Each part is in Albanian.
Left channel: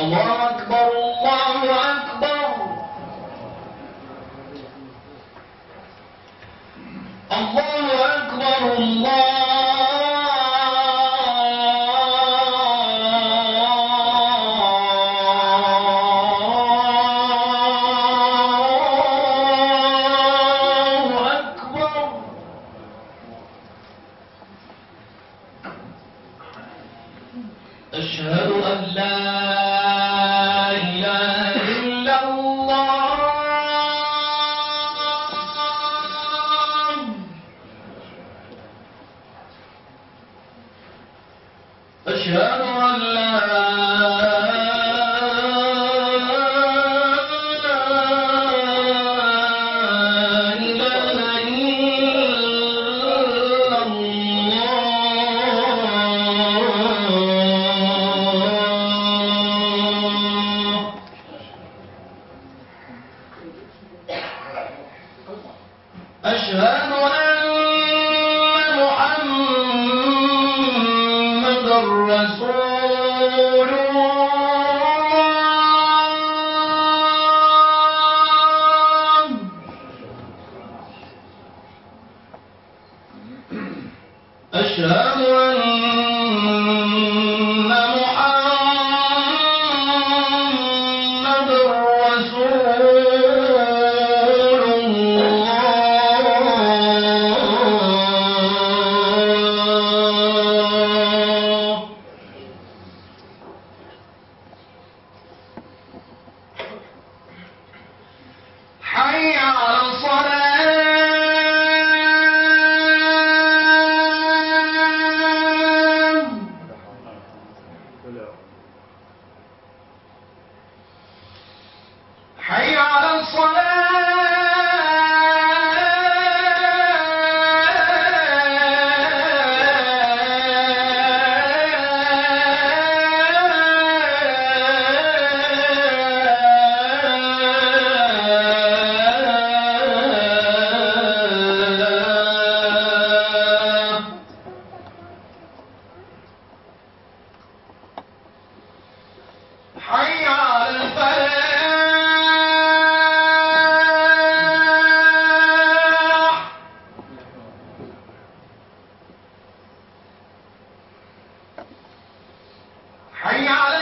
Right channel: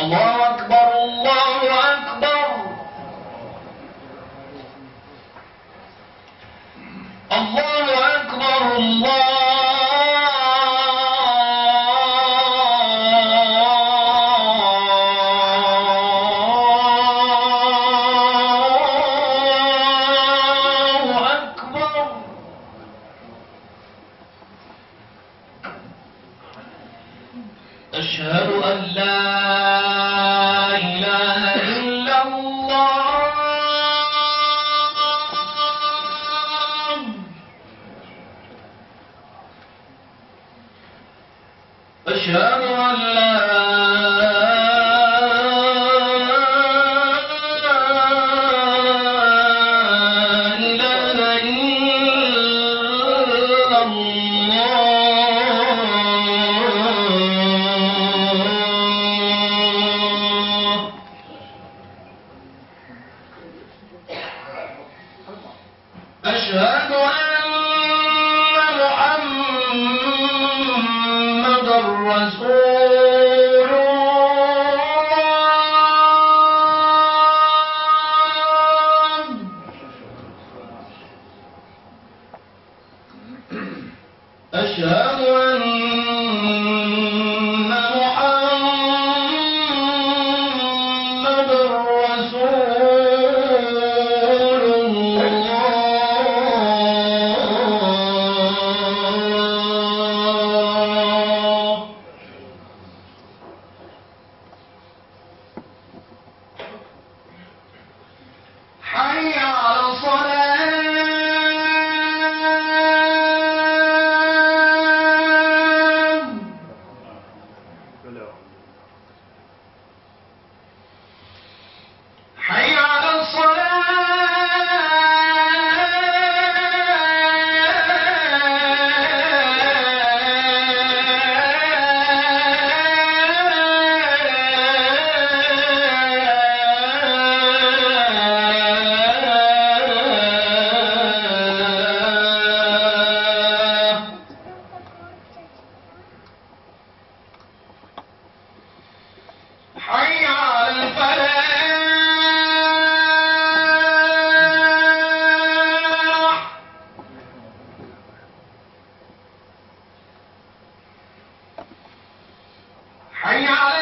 الله أكبر الله أكبر الله أكبر الله أكبر. أشهد أن لا أشهد أن لا إله إلا الله. أشهد أن محمد رسول الله. أشهد أن محمد رسول الله. حي على الصلاة. حي على حي على الفلاح. حي على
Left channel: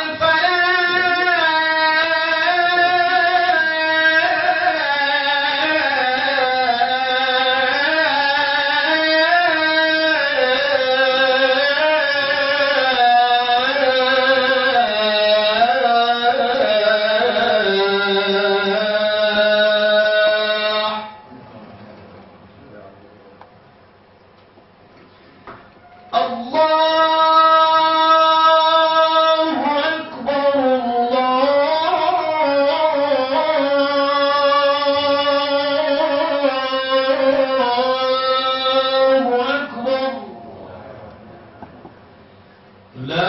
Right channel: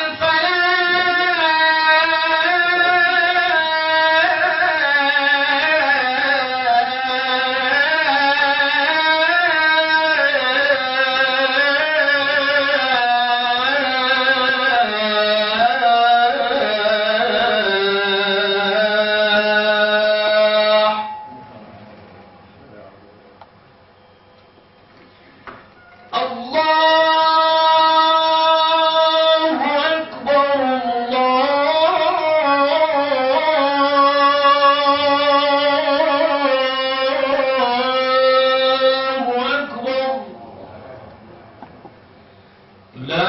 الله أكبر الله أكبر. لا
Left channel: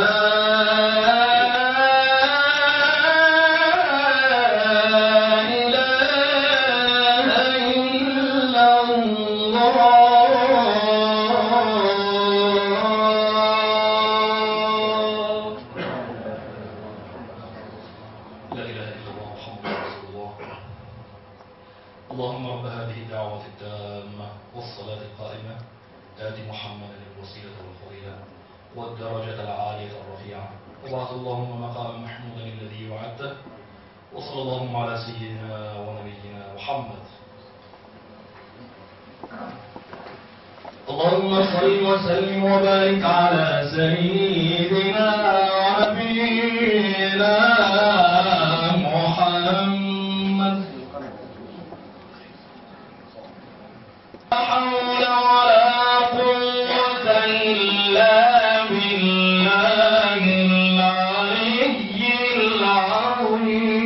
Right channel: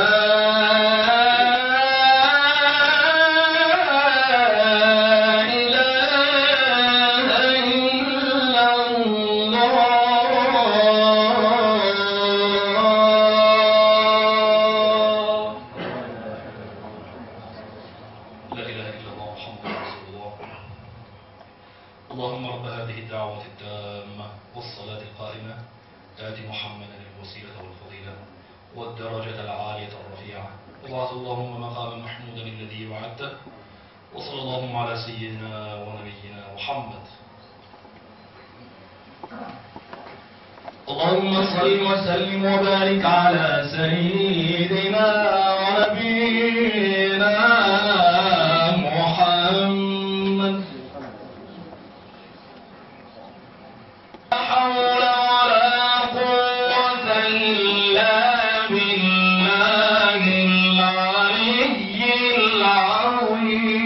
إله إلا الله. لا إله إلا الله محمد رسول الله. اللهم رب هذه الدعوة التامة والصلاة القائمة آت محمدا الوسيلة والفضيلة والدرجة العالية الرفيعة وابعث اللهم مقاما محمودا الذي وعدته وصلى اللهم على سيدنا ونبينا محمد. اللهم صل وسلم وبارك على سيدنا ونبينا محمد. لا حول ولا قوة إلا بالله العلي العظيم.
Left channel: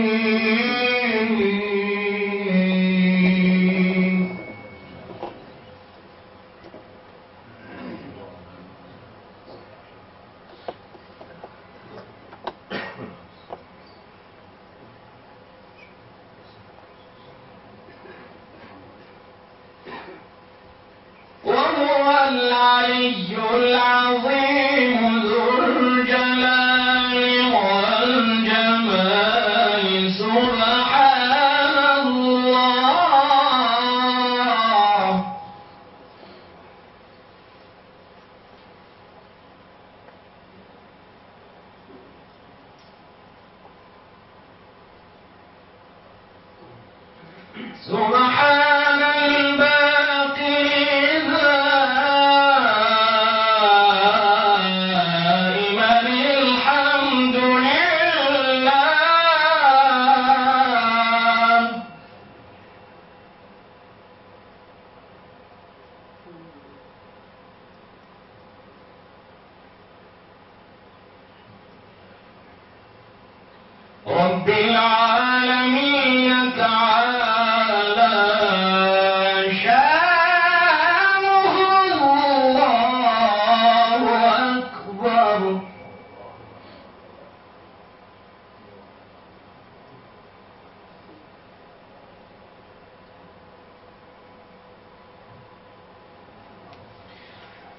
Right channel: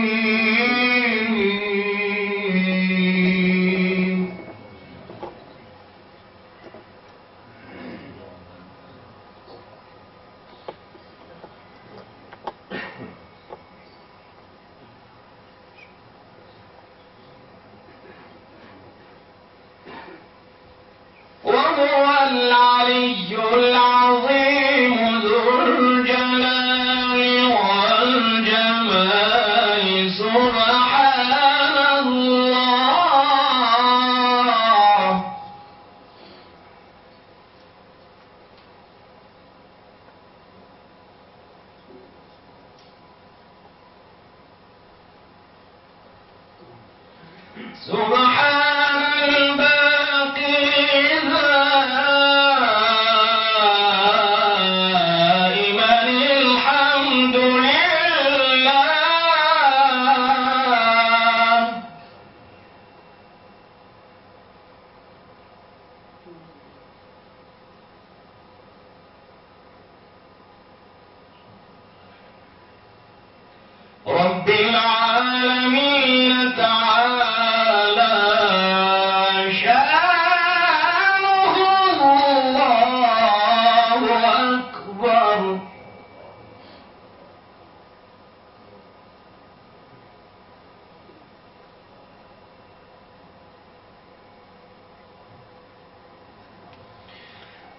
سبحان الباقي دائما الحمد لله رب العالمين تعالى شانه الله أكبر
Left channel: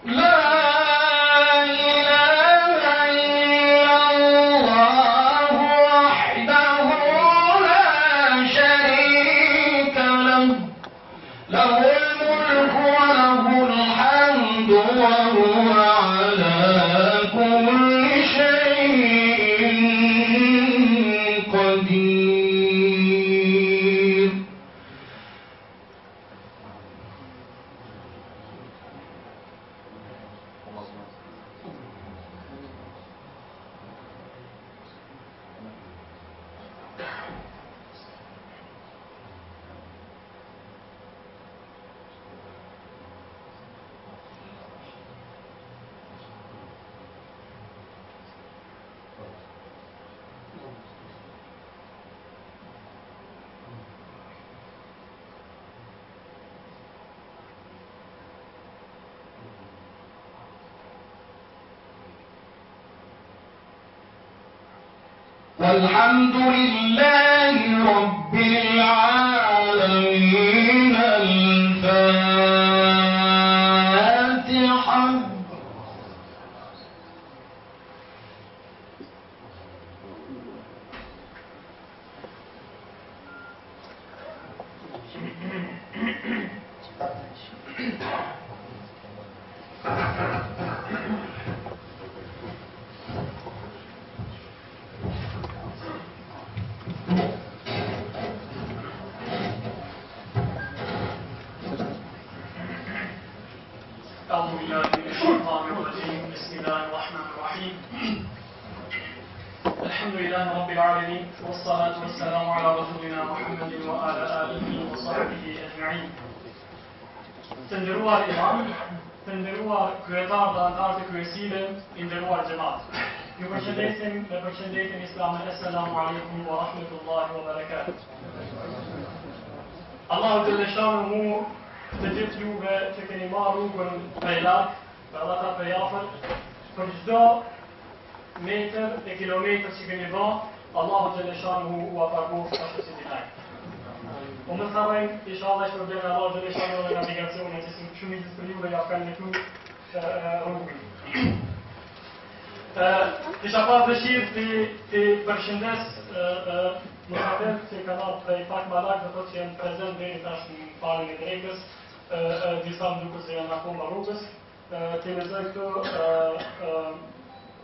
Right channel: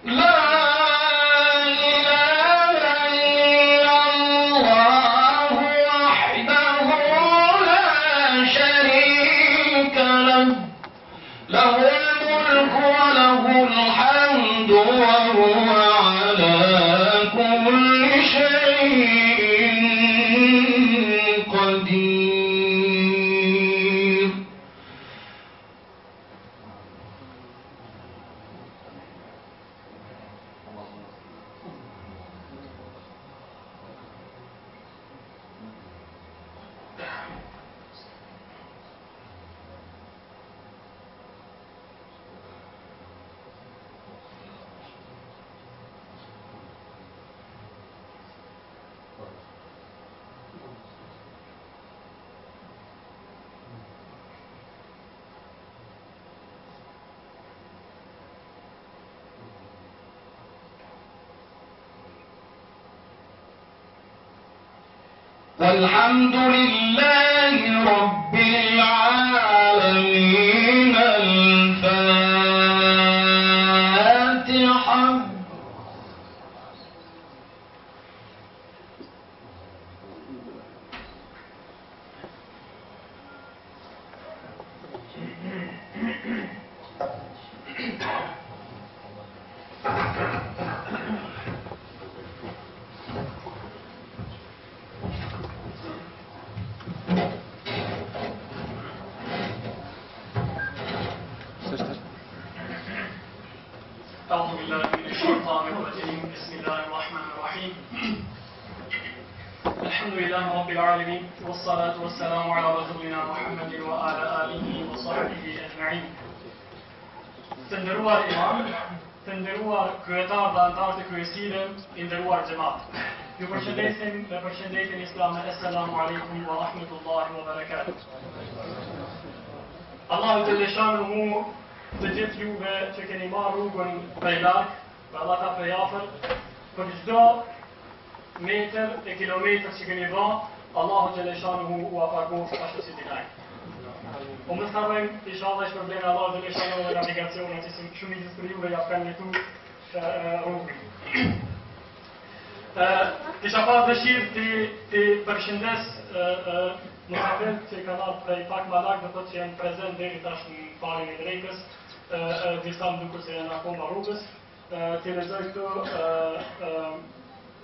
لا له الملك وله الحمد وهو على كل شيء قدير الحمد لله رب العالمين الفاتحة أعوذ بالله من الشيطان الرجيم بسم الله الرحمن الرحيم الحمد لله رب العالمين والصلاة والسلام على رسولنا محمد وعلى آله وصحبه أجمعين Të nderuar imam, të nderuar kryetar dhe anëtar të kryesire, i nderuar xhamat. Ju përshëndesim me përshëndetjen islame. Assalamu alaikum wa rahmatullahi wa barakatuh. Allahu të lëshanuhu të gjithë juve që keni marrë rrugën prej larg, dhe Allah ta prej afër, për çdo metër e kilometër që keni bë, Allahu xhaleshanuhu u apagoft ashtu si dinaj. Po më thabën, inshallah është problemi Allahu xhaleshanuhu në navigacionin që shumë i për juve ja kanë letu rrugën. Isha pas dëshirë të përshëndes musafirët që kanë ardhur prej pak më larg, do thotë që janë prezent deri tash në palën e drejtës, disa më duket se janë akoma rrugës, të lexoj këtu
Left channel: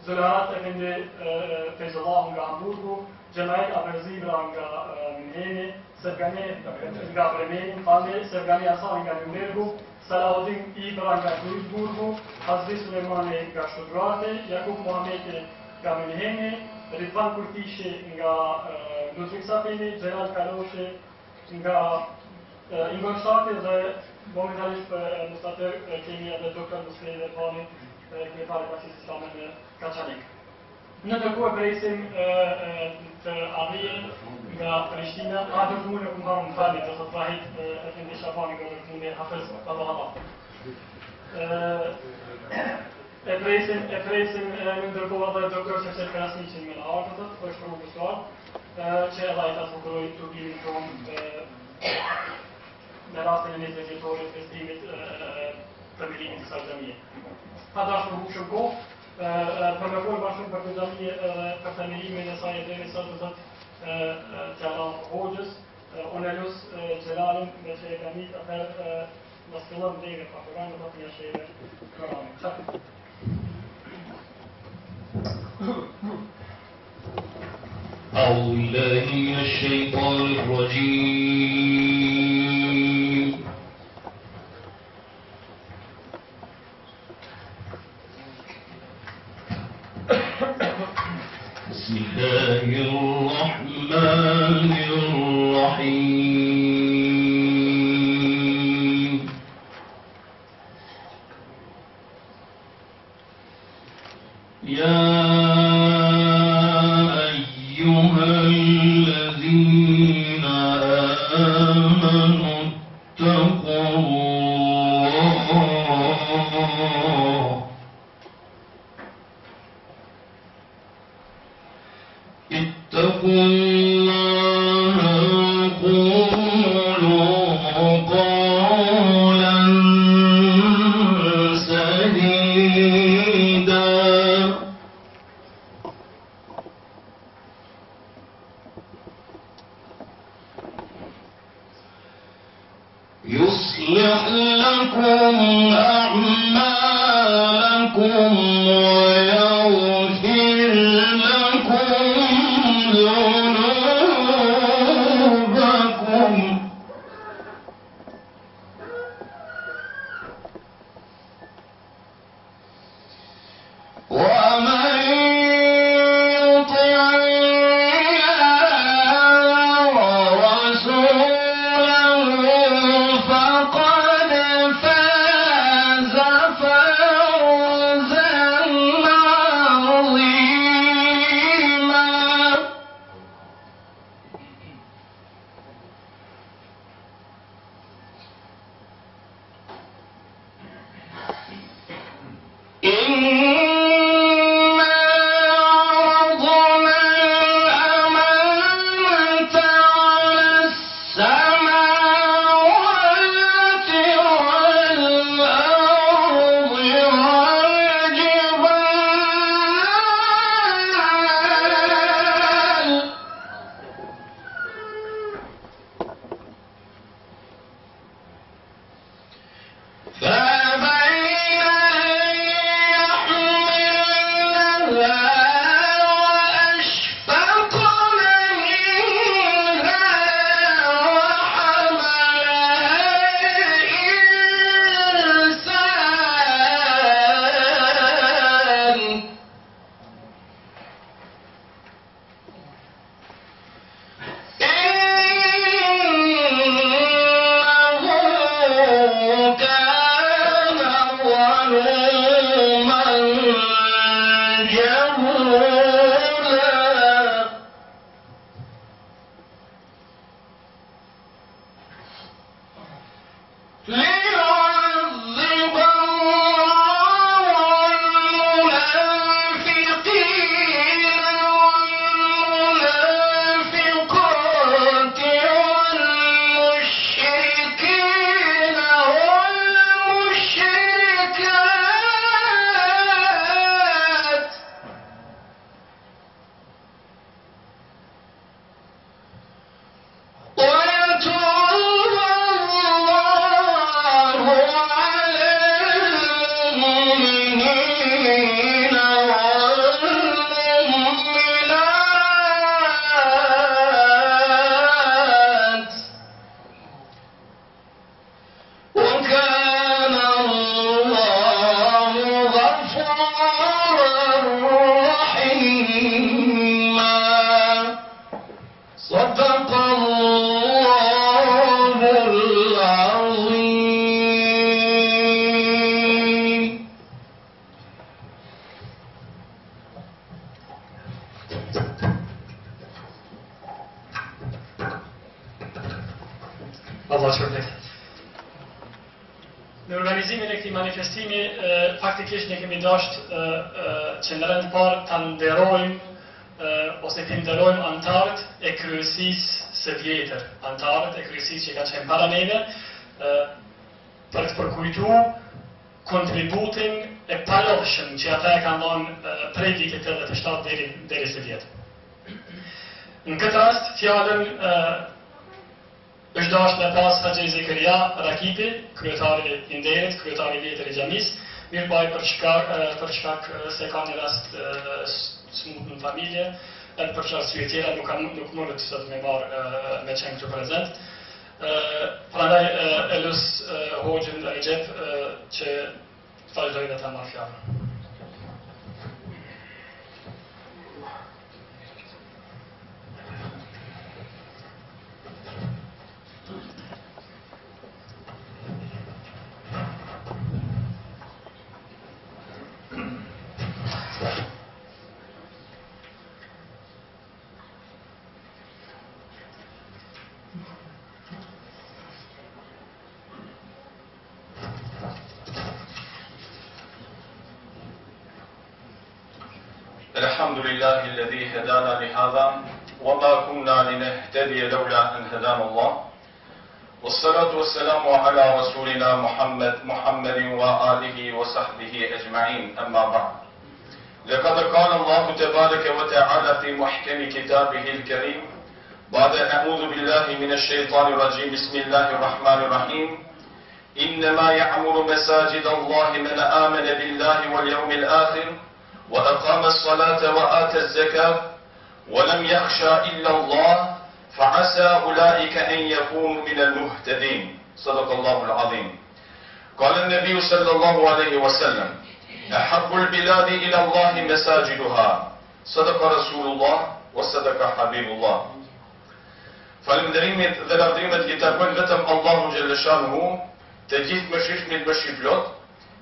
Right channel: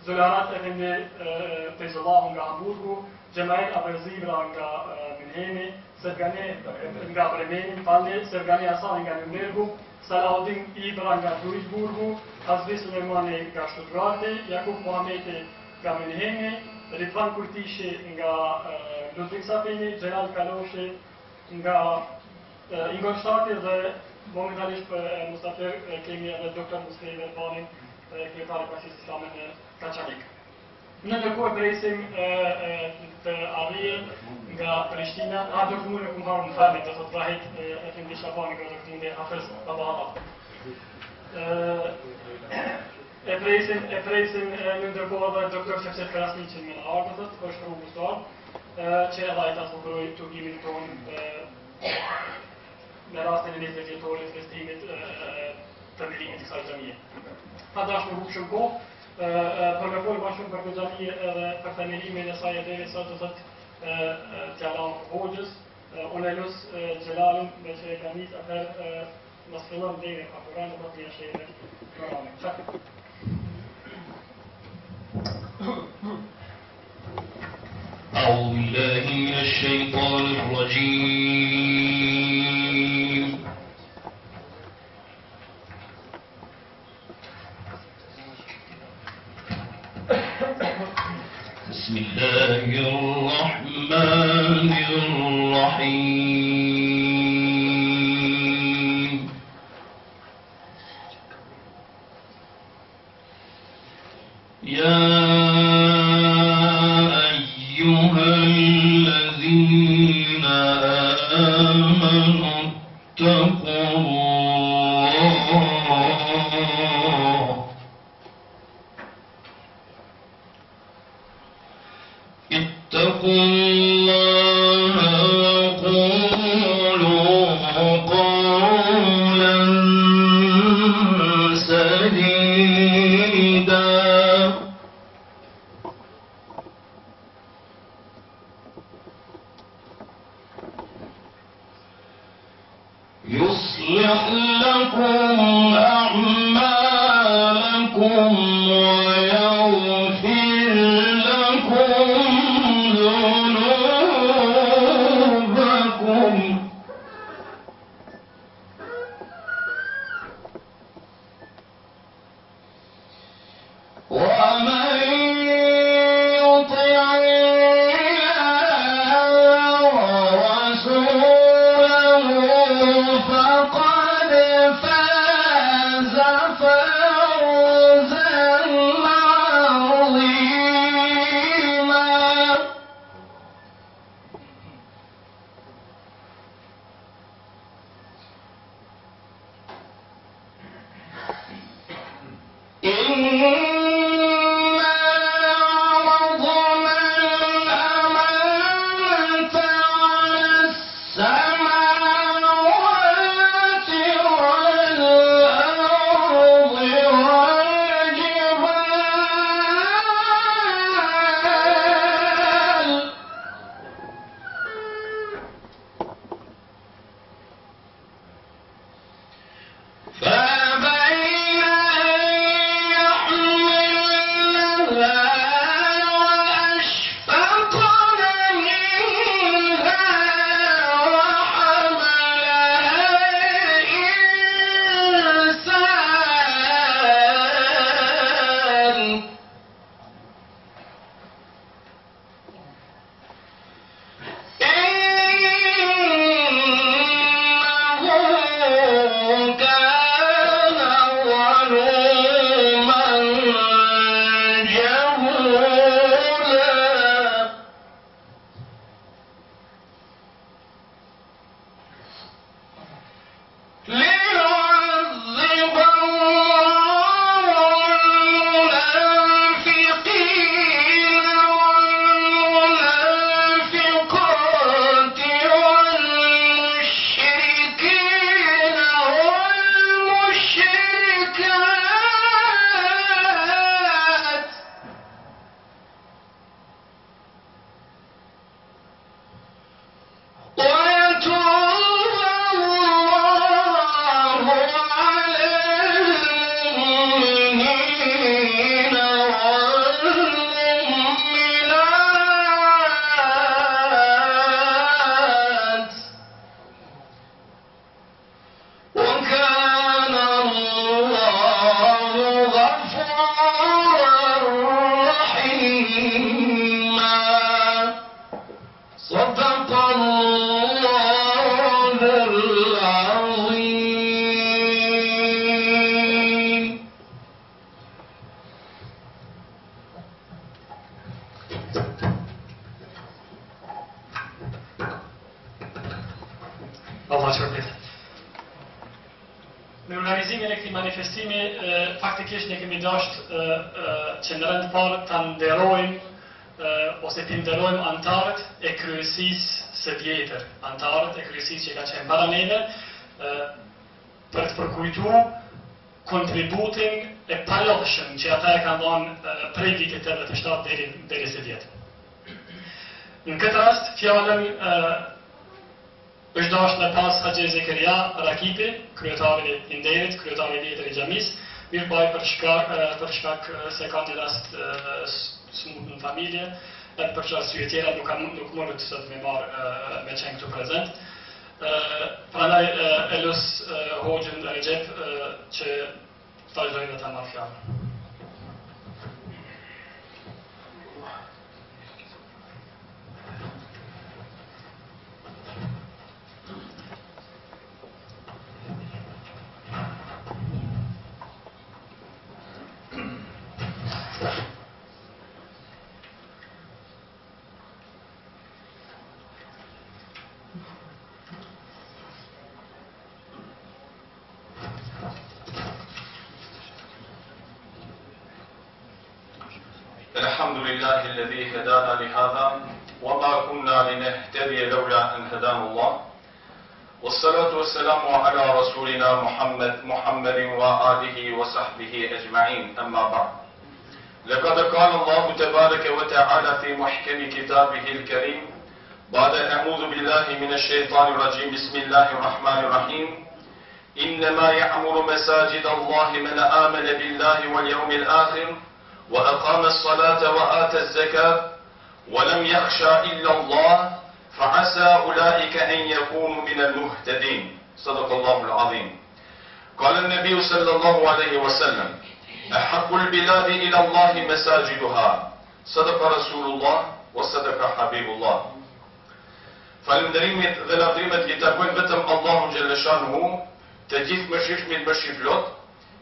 Zularat Efendi Fezullah nga Hamburgu, Gjemael Aberzibra nga Münheni, Sergane nga Bremeni, Pande Sergane Hasan nga Nürnbergu, Salahuddin Ibra nga Duisburgu, Hazbi Sulejmani nga Stuttgarti, Jakub Muhameti nga Münheni, Ridvan Kurtishi nga Ludwigshafen, Xhelal Kaloshi nga Ingolstati dhe momentalisht për musafir kemi edhe doktor Muslej Verbani, kryetari i Partisë Islame në Kaçanik. Në ndërkohë presim të arrijën nga Prishtina, do të mundë ku kam falë të Zahid Efendi Shabani nga Zotin Hafiz Allahu. E presim në ndërkohë edhe doktor Shefset Krasniqin me ardhët, është rrugësor, që edhe ai ta zbukuroi turpimin tonë në rastin e 20 vjetorit të festimit të vilimit të kësaj xhamie. Pa dashur rrugë shumë kohë, për me folë ma shumë për këtë xhamie edhe për themelimin e saj e derisa do thotë Xhelan Hoxhës, unë e lus Xhelalin me që e pranit atëherë mos fillon deri pa Kur'an, do të një shehë Kur'an. أعوذ بالله من الشيطان الرجيم بسم الله الرحمن الرحيم يا أيها الذين آمنوا اتقوا الله وقولوا قولا سديدا يصلح لكم أعمالكم ويغفر لكم ذنوبكم ومن يطع الله ورسوله فقد فاز فوزا عظيما إنا عرضنا الأمانة على السماوات والأرض والجبال فأبين أن يحملنها وأشفقن منها وحملها الإنسان إنه كان ظلوما جهولا ليعذب الله المنافقين والمنافقات والمشركين والمشركات ويتوب الله على المؤمنين والمؤمنات وكان الله غفورا رحيما صدق الله العظيم Allah shpërblet. Në organizimin e këtij manifestimi faktikisht ne kemi dashur që në rend parë ta nderojmë ose të nderojmë antarët e kryesisë së vjetër, antarët e kryesisë që kanë qenë para neve, për të përkujtuar kontributin e palodhshëm që ata e kanë dhënë prej vitit 87 deri së vjet. Në këtë rast fjalën është dashur me pas Haxhi Zekeria Rakipi, kryetari i nderit, kryetari i vjetër i xhamisë, mirë po ai për shkak se ka një rast smut në familje, edhe për arsye tjera nuk mundët sot me marrë me qenë këtu prezent. Prandaj e lës Hoxhën Recep që vazhdojnë ta marrë fjalën. الحمد لله الذي هدانا لهذا وما كنا لنهتدي لولا أن هدانا الله والصلاة والسلام على رسولنا محمد وآله وصحبه أجمعين أما بعد لقد قال الله تبارك وتعالى في محكم كتابه الكريم بعد أعوذ بالله من الشيطان الرجيم بسم الله الرحمن الرحيم إنما يعمر مساجد الله من آمن بالله واليوم الآخر وأقام الصلاة وآتى الزكاة ولم يخشى إلا الله فعسى أولئك أن يكونوا من المهتدين صدق الله العظيم قال النبي صلى الله عليه وسلم أحب البلاد إلى الله مساجدها صدق رسول الله وصدق حبيب الله Falënderimet dhe lavdrimet i takojnë vetëm Allahu xhaleshanuhu, të gjithë mëshirshmit mëshirplot,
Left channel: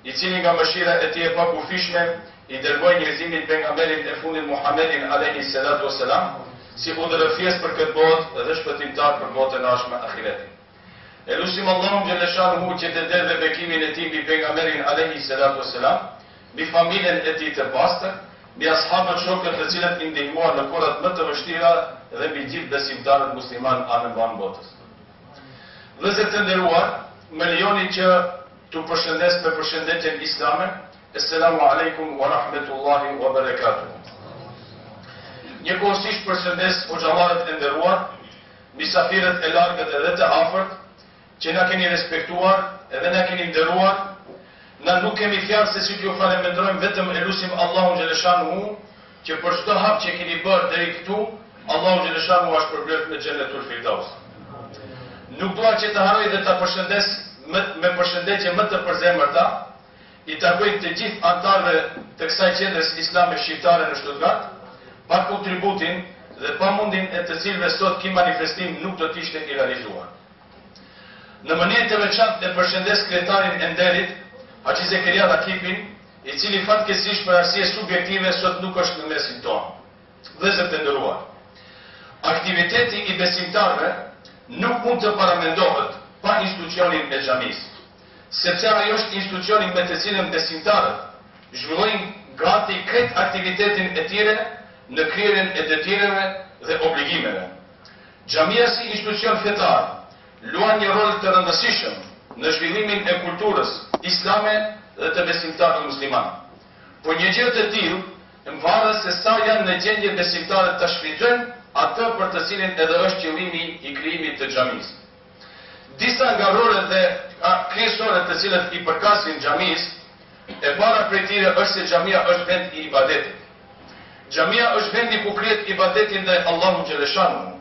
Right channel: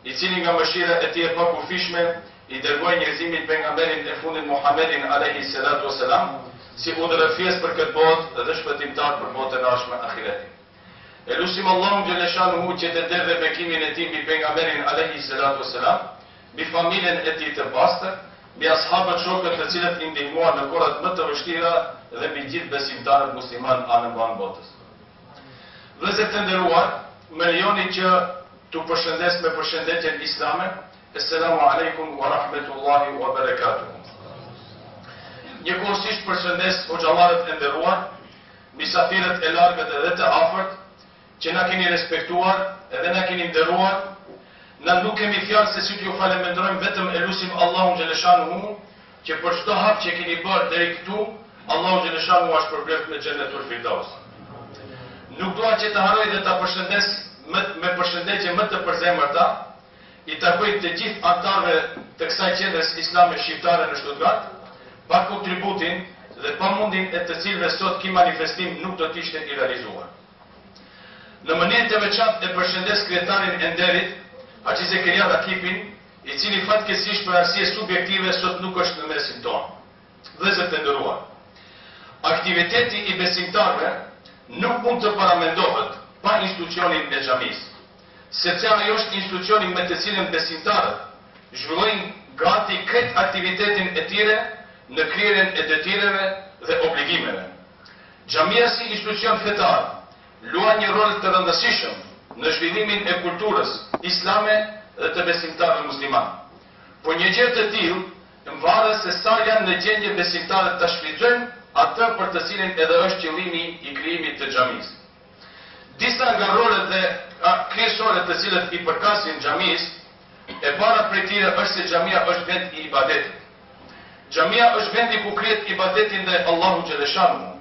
i cili nga mëshira e tij e pakufishme i dërgoi njerëzimin pejgamberin e fundit Muhammedin alayhi salatu wasalam, si udhërrëfies për këtë botë dhe shpëtimtar për botën e ardhshme ahiretit. E lutim Allahun xhaleshanuhu që të dërë dhe bekimin e tij mbi pejgamberin alayhi salatu wasalam, mbi familjen e tij të pastër, mbi ashabët shokët të cilët i ndihmuan në kohrat më të vështira dhe mbi gjithë besimtarët musliman anë mban botës. Vëllezër të nderuar, më lejoni që t'u përshëndes me përshëndetjen islame. Assalamu alaikum wa rahmetullahi wa barakatuh. Njëkohësisht përshëndes hoxhallarët e nderuar, mysafirët e largët edhe të afërt, që na keni respektuar edhe na keni nderuar. Na nuk kemi fjalë se si t'ju falenderojmë, vetëm e lutim Allahun xhaleshanuhu që për çdo hap që keni bërë deri këtu, Allahu xhaleshanuhu është përblyer me xhenetul firdaus. Nuk dua që të harroj dhe ta përshëndes me përshëndetje më të përzemërta, i takoj të gjithë anëtarëve të kësaj qendres islame shqiptare në Stuttgart, pa kontributin dhe pa mundin e të cilëve sot ky manifestim nuk do të ishte i realizuar. Në mënyrë të veçantë e përshëndes kryetarin e nderit, Haxhi Zekeria Rakipin, i cili fatkeqësisht për arsye subjektive sot nuk është në mesin tonë. Vëllezër të nderuar, aktiviteti i besimtarëve nuk mund të paramendohet pa institucionin e xhamisë, sepse ajo është institucioni me të cilin besimtarët zhvillojnë gati këtë aktivitetin e tyre në kryerjen e detyrave dhe obligimeve. Xhamia si institucion fetar luan një rol të rëndësishëm në zhvillimin e kulturës islame dhe të besimtarëve musliman. Po një gjë të tillë mvaret se sa janë në gjendje besimtarët ta shfrytëzojnë atë për të cilin edhe është qëllimi i krijimit të xhamisë. Disa nga rolet dhe kryesore të cilët i përkasin xhamisë, e para prej tyre është se xhamia është vend i ibadetit. Xhamia është vendi ku krihet ibadetin dhe Allahu xhaleshanuhu,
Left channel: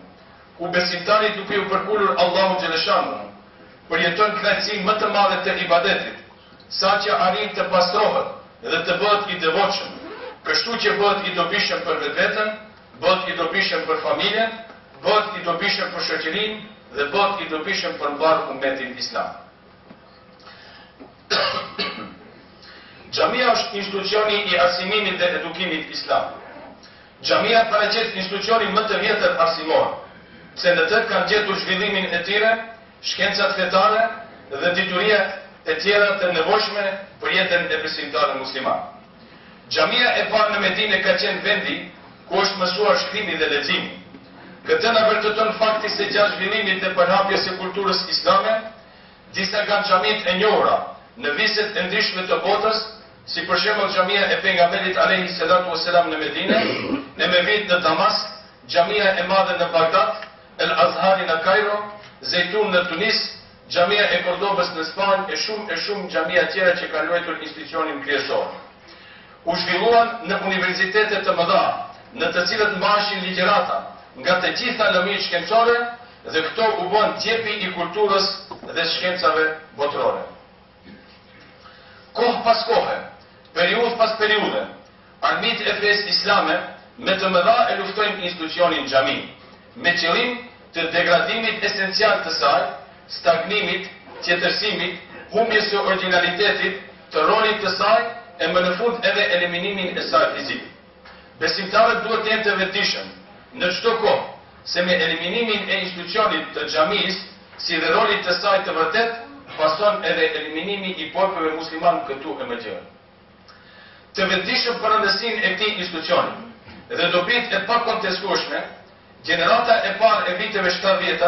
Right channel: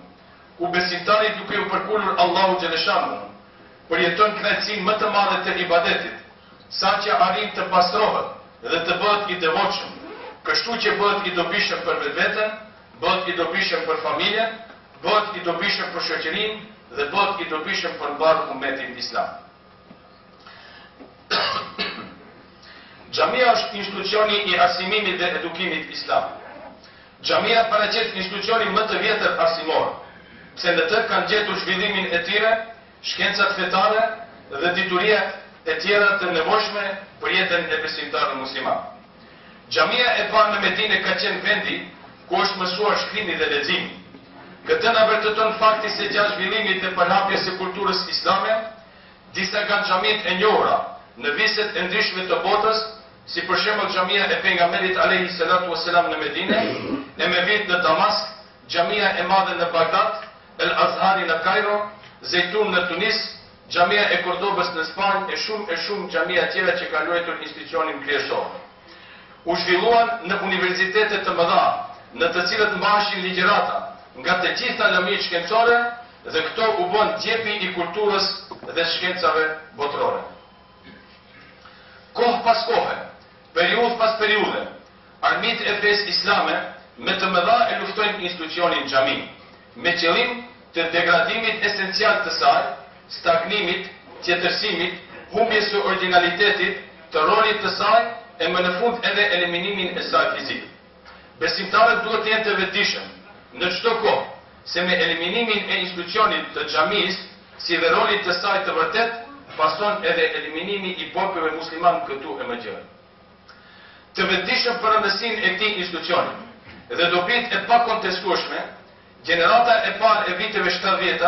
ku besimtari duke u përkullur Allahu xhaleshanuhu përjeton kënaqësinë më të madhe të ibadetit, saqë arrin të pastrohet dhe të bëhet i devotshëm, kështu që bëhet i dobishëm për vetveten, bëhet i dobishëm për familjen, bëhet i dobishëm për shoqërinë dhe bëhet i dobishëm për mbar ummetin islam. Xhamia është institucioni i arsimimit dhe edukimit islam. Xhamia paraqet institucionin më të vjetër arsimor, pse në të kanë gjetur zhvillimin e tyre shkencat fetare dhe dituria e tjera të nevojshme për jetën e besimtarëve musliman. Xhamia e parë në Medinë ka qenë vendi ku është mësuar shkrimi dhe leximi. Këtë na vërteton fakti se gjatë zhvillimit dhe përhapjes së kulturës islame, disa nga xhamitë e njohura në viset e ndryshme të botës, si për shembull xhamia e pejgamberit alayhi salatu wasalam në Medinë, e Mevit në Damask, xhamia e madhe në Bagdad, El Azhari në Kairo, Zejtun në Tunis, xhamia e Kordobës në Spanjë e shumë xhamia tjera që kanë luajtur institucionin kryesor. U zhvilluan në universitete të mëdha, në të cilët mbaheshin ligjërata nga të gjitha lëmit shkencore dhe këto u bën djepi i kulturës dhe shkencave botërore. Kohë pas kohe, periudhë pas periudhe, armit e fesë islame me të mëdha e luftojnë institucionin xhami, me qëllim të degradimit esencial të saj, stagnimit, tjetërsimit, humbjes së originalitetit, të rolit të saj e më në fund edhe eliminimin e saj fizik. Besimtarët duhet të jenë të vetëdijshëm në çdo kohë se me eliminimin e institucionit të xhamisë, si dhe rolit të saj të vërtet, pason edhe eliminimi i popujve musliman këtu e më gjërë. Të vetëdijshëm për rëndësinë e këtij institucioni dhe dobit e pakontestueshme, gjenerata e parë e viteve 70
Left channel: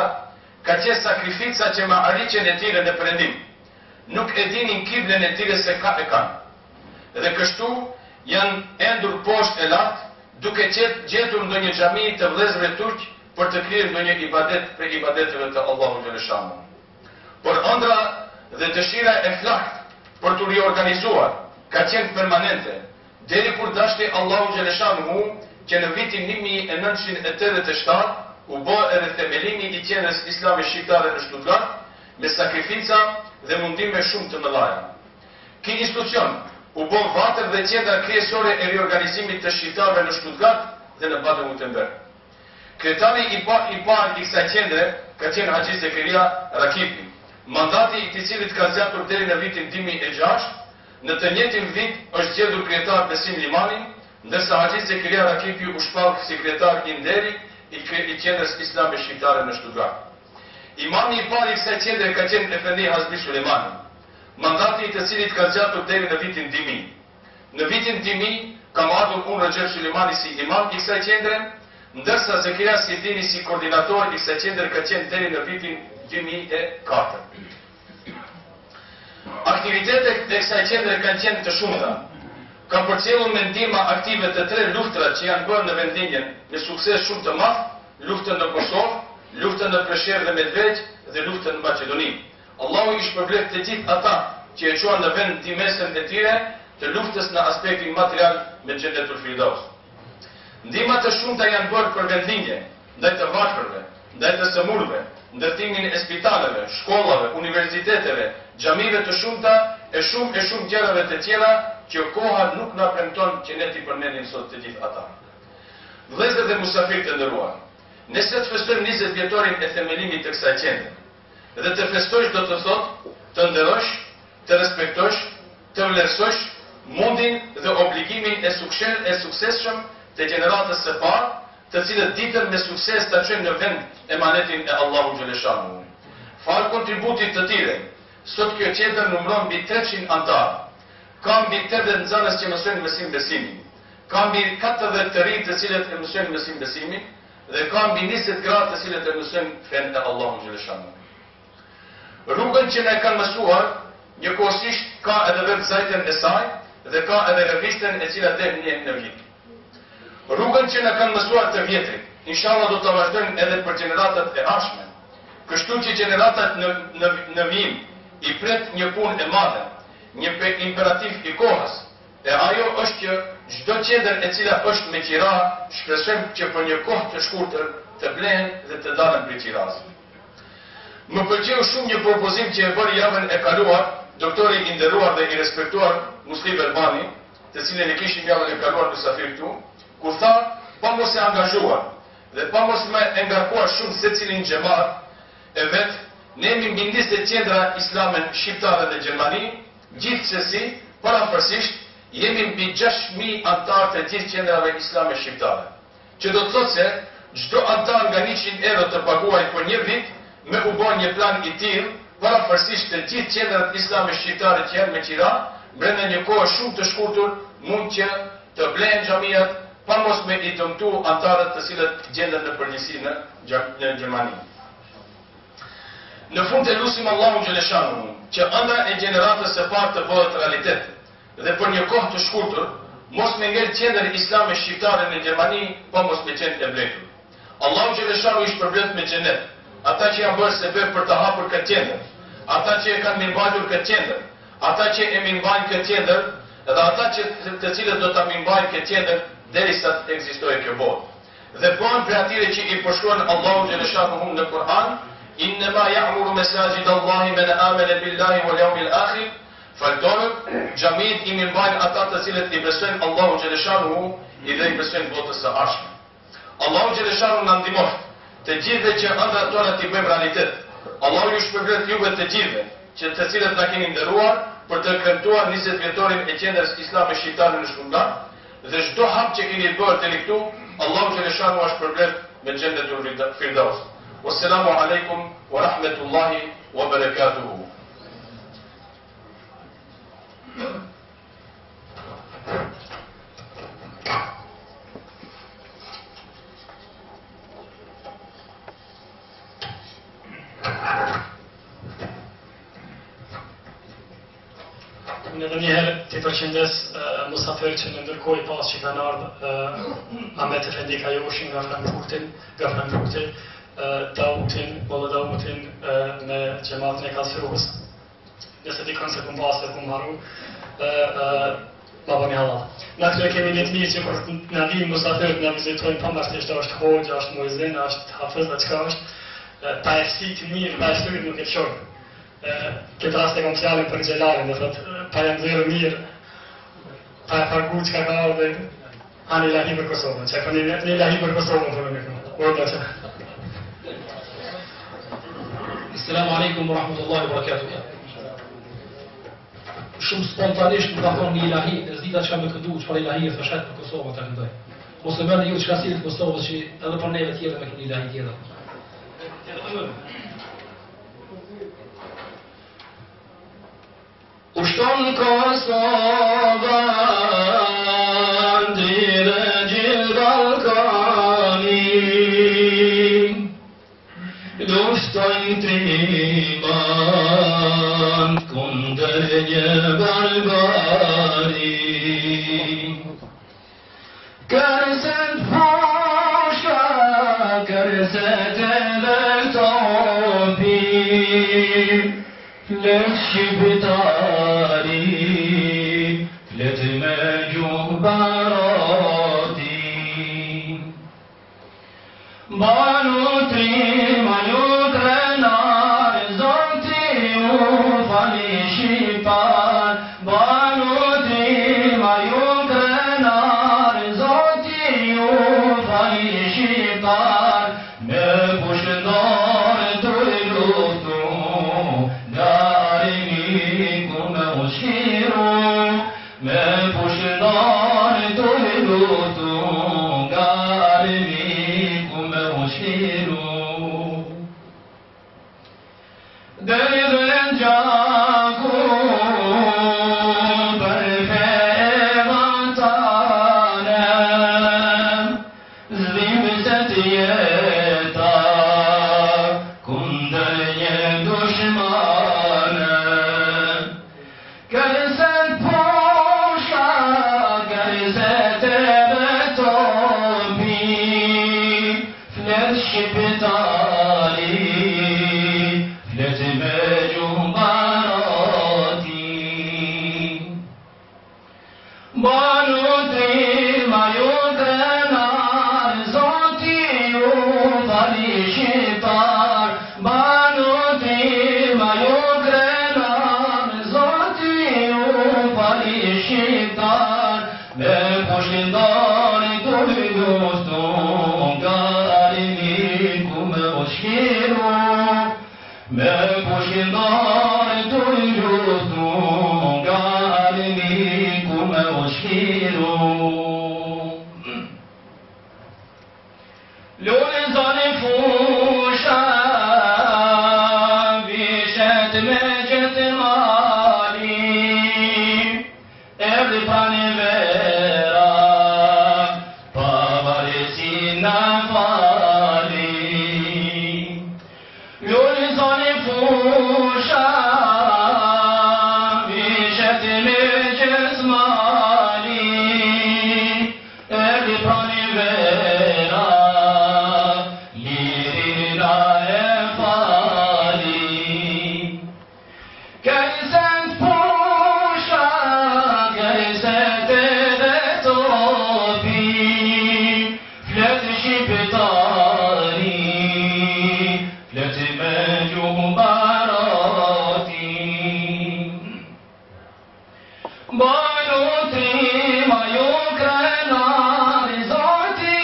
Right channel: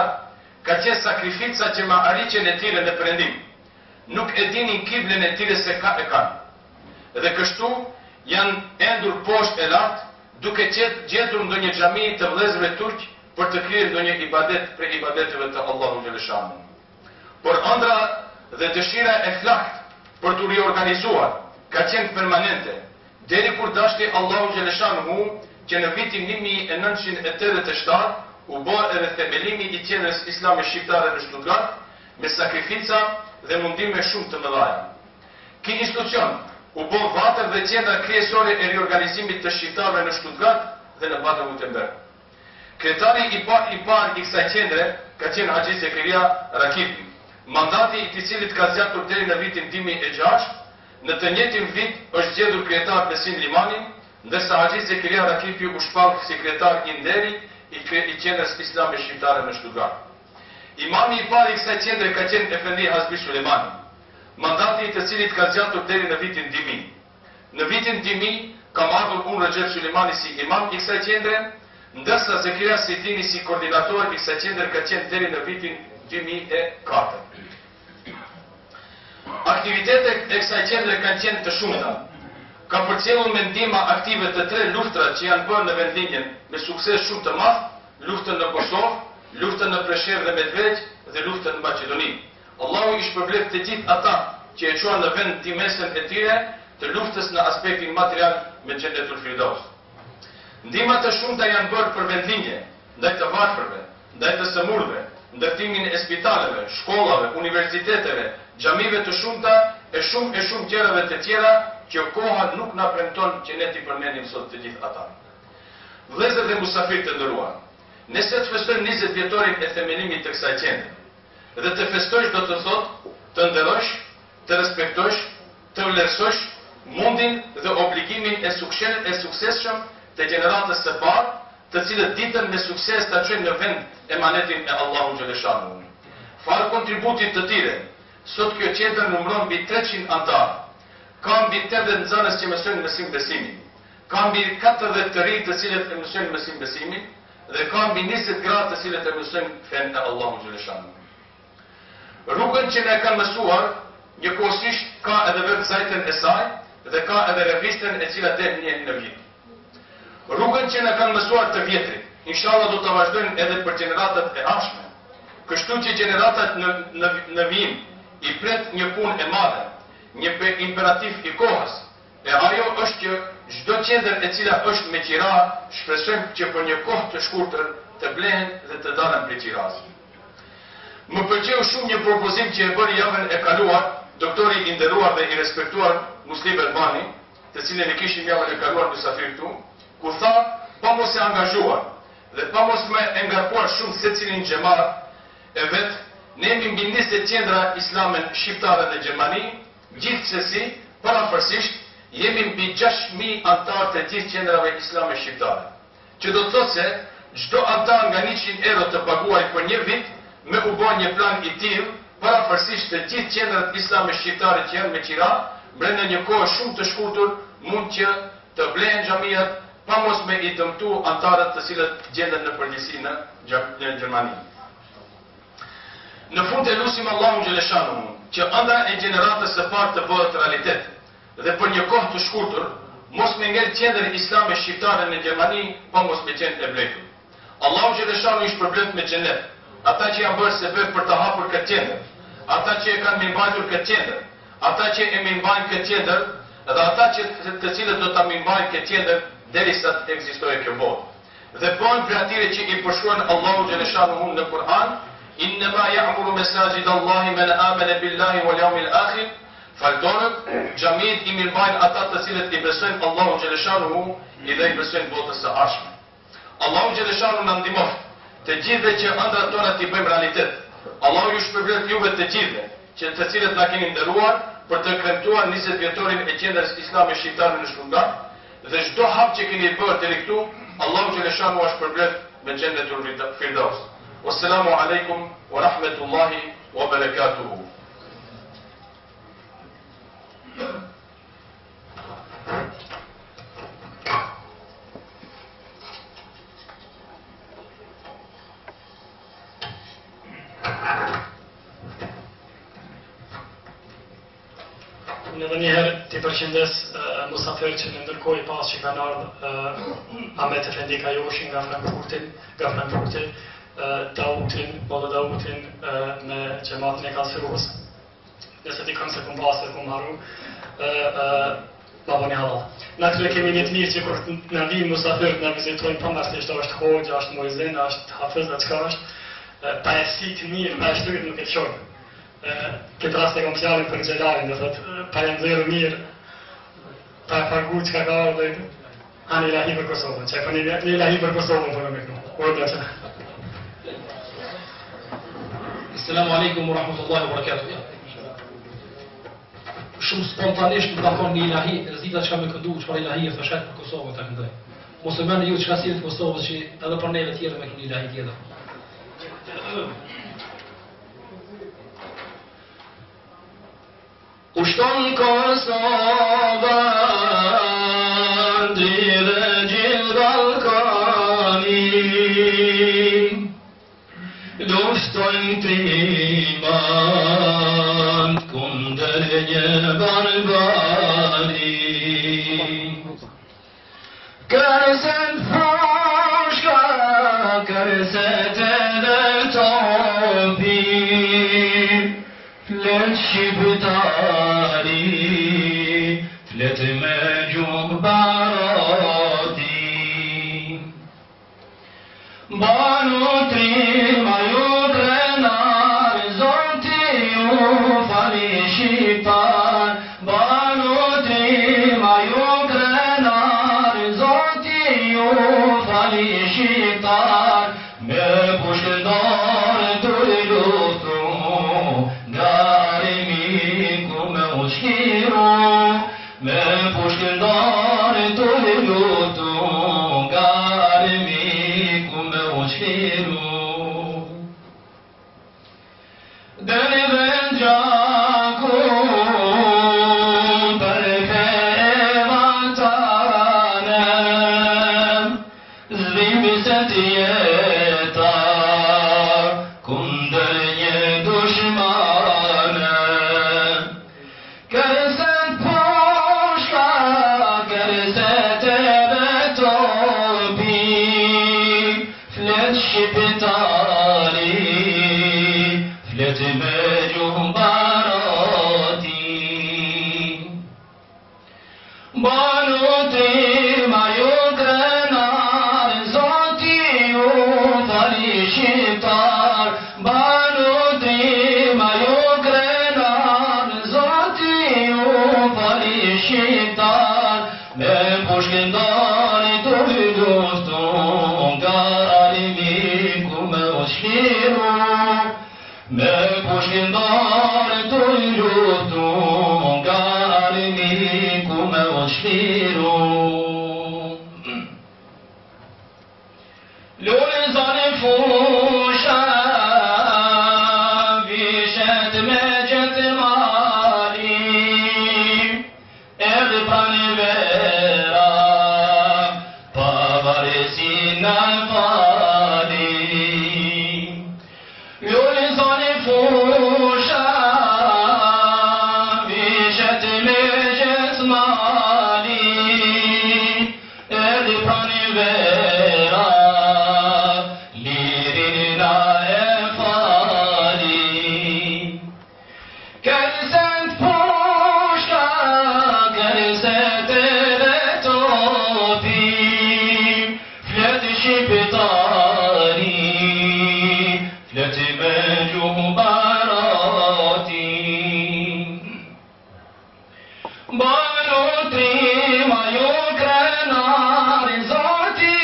ka qenë sakrifica që ma arritjen e tyre në perëndim. Nuk e dinin kiblen e tyre se ka e kanë. Dhe kështu janë endur poshtë e lartë, duke gjetur ndonjë xhami të vëllezërve turq për të kryer ndonjë ibadet për ibadeteve të Allahu xhaleshanu. Por ëndra dhe dëshira e flakt për të riorganizuar ka qenë permanente, deri kur dashti Allahu xhaleshanu që në vitin 1987 u bë edhe themelimi i qendrës islame shqiptare në Stuttgart me sakrifica dhe mundime shumë të mëdha. Ky institucion u bë vatër dhe qendra kryesore e riorganizimit të shqiptarëve në Stuttgart dhe në Baden-Württemberg. Kryetari i parë i kësaj qendre ka qenë Haxhi Zekeria Rakipi, mandati i të cilit ka zgjatur deri në vitin 2006. Në të njëjtin vit është zgjedhur kryetar Besim Limani, ndërsa Haxhi Zekeria Rakipi u shpall sekretar i nderi i qendrës islame shqiptare në Stuttgart. Imami i parë i kësaj qendre ka qenë Efendi Hasbi Sulejmani, mandati i të cilit ka zgjatur deri në vitin 2000. Në vitin 2000 kam ardhur unë Recep Sulejmani si imam i kësaj qendre, ndërsa Zekeria Sidini si koordinator i kësaj qendre ka qenë deri në vitin 2004. Aktivitetet e kësaj qendre kanë qenë të shumta. Ka përcjellur me ndihmë aktive të 3 luftrat që janë bërë në vendlinjen me sukses shumë të madh: luftën në Kosovë, luftën në Preshevë dhe Medvegjë dhe luftën në Maqedoni. Allahu i shpërblet të gjithë ata që e çuan në vend dimesën e tyre të luftës në aspektin material me Xhennetul Firdaus. Ndihma të shumta janë bërë për vendlinje, ndaj të varfërve, ndaj të sëmurëve, ndërtimin e spitaleve, shkollave, universiteteve, xhamive të shumta e shumë gjërave të tjera që koha nuk na premton që ne t'i përmendim sot të gjithë ata. Vëllezër dhe musafir të nderuar, nëse të festojmë 20 vjetorin e themelimit të kësaj qendre, dhe të festojsh do të thotë të nderosh, të respektosh, të vlerësosh mundin dhe obligimin e suksesshëm të gjeneratës së parë, të cilët ditën me sukses të çojnë në vend emanetin e Allahu xhaleshanu. Fal kontributit të tyre, sot kjo qendër numëron mbi 300 anëtarë. Ka mbi 80 nxënës që mësojnë mësim besimin. Ka mbi 40 të rinj të cilët e mësojnë mësim besimin dhe ka mbi 20 gra të cilët e mësojnë fen e Allahu xhaleshanu. Rrugën që ne kanë mësuar, njëkohësisht ka edhe websajten e saj dhe ka edhe revistën e cila del një herë në vit. Rrugën që ne kanë mësuar të vjetrit, inshallah do të vazhdojnë edhe për gjeneratat e ardhshme. Kështu që gjeneratat në vijim i pret një punë e madhe, një imperativ i kohës, e ajo është që çdo qendër e cila është me qira, shpresojmë që për një kohë të shkurtër të blehen dhe të dalen prej qiras. Më pëlqeu shumë një propozim që e bëri javën e kaluar doktori i nderuar dhe i respektuar Muslim Elbani, të cilin e kishim javën e kaluar mysafir këtu, kur tha, pa mos e angazhuar dhe pa mos me engarkuar shumë secilin xhamat e vet, ne jemi mbi 20 qendra islame shqiptare në Gjermani, gjithsesi, parafërsisht, jemi mbi 6.000 anëtarë të gjithë qendrave islame shqiptare. Që do të thotë se çdo anëtar nga 100 euro të paguaj për një vit, me u bën një plan i tillë, parafërsisht të gjithë qendrat islame shqiptare që janë me qira, brenda një kohë shumë të shkurtër mund që të blehen xhamiat, pa mos me i dëmtu anëtarët të cilët gjenden në përgjithësi në Gjermani. Në fund e lutim Allahun xhaleshanu që ëndra e gjeneratës së parë të bëhet realitet dhe për një kohë të shkurtër mos me ngel qendër islame shqiptare në Gjermani, pa mos me qenë e vlerëtur. Allahu xhaleshanu i shpërblet me xhenet ata që janë bërë sebeb për të hapur këtë qendër, ata që e kanë mirëmbajtur këtë qendër, ata që e mirëmbajnë këtë qendër dhe ata të cilët do ta mirëmbajnë këtë qendër derisa të ekzistojë kjo botë. Dhe pranë për atyre që i përshkruan Allahu xhaleshanu në Kur'an, innama ya'muru masajid Allahi man amana billahi wal yawmil akhir, faltorët, xhamit i mirëmbajnë ata të cilët i besojnë Allahu xhaleshanu dhe i besojnë botës së ardhshme. Allahu xhaleshanu na ndihmoft të gjithëve që ëndrat tona t'i bëjmë realitet. Allahu ju shpërblet juve të gjithëve, që të cilët na keni nderuar, për të kremtuar 20 vjetorin e qendrës islame shqiptare në Shkungar, dhe çdo hap që keni bërë deri këtu, Allahu xhaleshanu është përblet me xhennetul firdaus. Wassalamu alaikum wa rahmatullahi wa barakatuhu. Edhe njëherë të përqendes musafir që në ndërkohë i pas që kanë ardhë Ahmet Efendi Kajoshi nga Frankfurti, Dautin, Molla Dautin me gjematin e Kasfiruhës. Nëse ti kanë se këmë pasë dhe këmë haru, ma bëni halal. Na këtëre kemi një të mirë që kur në vijë musafir në vizitojnë pa mërëstisht është hoqë, është muezin, është hafiz dhe qëka është, pa e si të mirë, pa e shtyrit nuk e të qërë. Këtë rast e kam fjallin për Gjelarin, dhe thot, pa janë dhërë mirë, pa e pargu që ka ka orë dhe anë ilahi për Kosovën, që e për një ilahi për Kosovën për në orë që. Assalamu alaikum wa rahmatullahi wa barakatuh. Shumë spontanisht më ka thonë një ilahi, e zdita që ka me këndu, që për ilahi e fëshet për Kosovën të këndoj. Muslimen ju që ka si të Kosovës që edhe për neve tjetër me këndu ilahi tjetër. Ushton Kosovën, gjire gjithë Balkani, Dustojnë triban, kundër një barbari. Kërset foshka, kërset edhe topi, flet shqiptari, flet me gjumë barati. Banuti ma ju krenar, zoti ju fali shqiptar. Banuti ma ju krenar, zoti ju fali shqiptar. Me pushdor të luftu, nga arimiku me ushkiru. Me pushdor të luftu, nga arimiku me ushkiru. Deri dhe gjaku për fevan tane, zrimëset jeta kundër një dushmane. Kërset poshka, kërset edhe topi, flet shqiptari, flet me gjumë barati. Banuti ma ju krenar, zoti ju fali shqiptar. Banuti ma ju krenar, zoti ju fali shqiptar. Me pushkindari të luftu, nga arimiku me ushkiru. Me pushkindari të luftu, nga arimiku me ushkiru. Lule zani fusha, vishet me gjithë mali, edhe prani vera, pavarësi në fali. Lule zani fusha, vishet me gjithë mali, edhe prani vera, lirina e fali. Kërset poshka, kërset edhe topi, flet shqiptari, flet me gjumë barati. Banuti ma ju krenar, zoti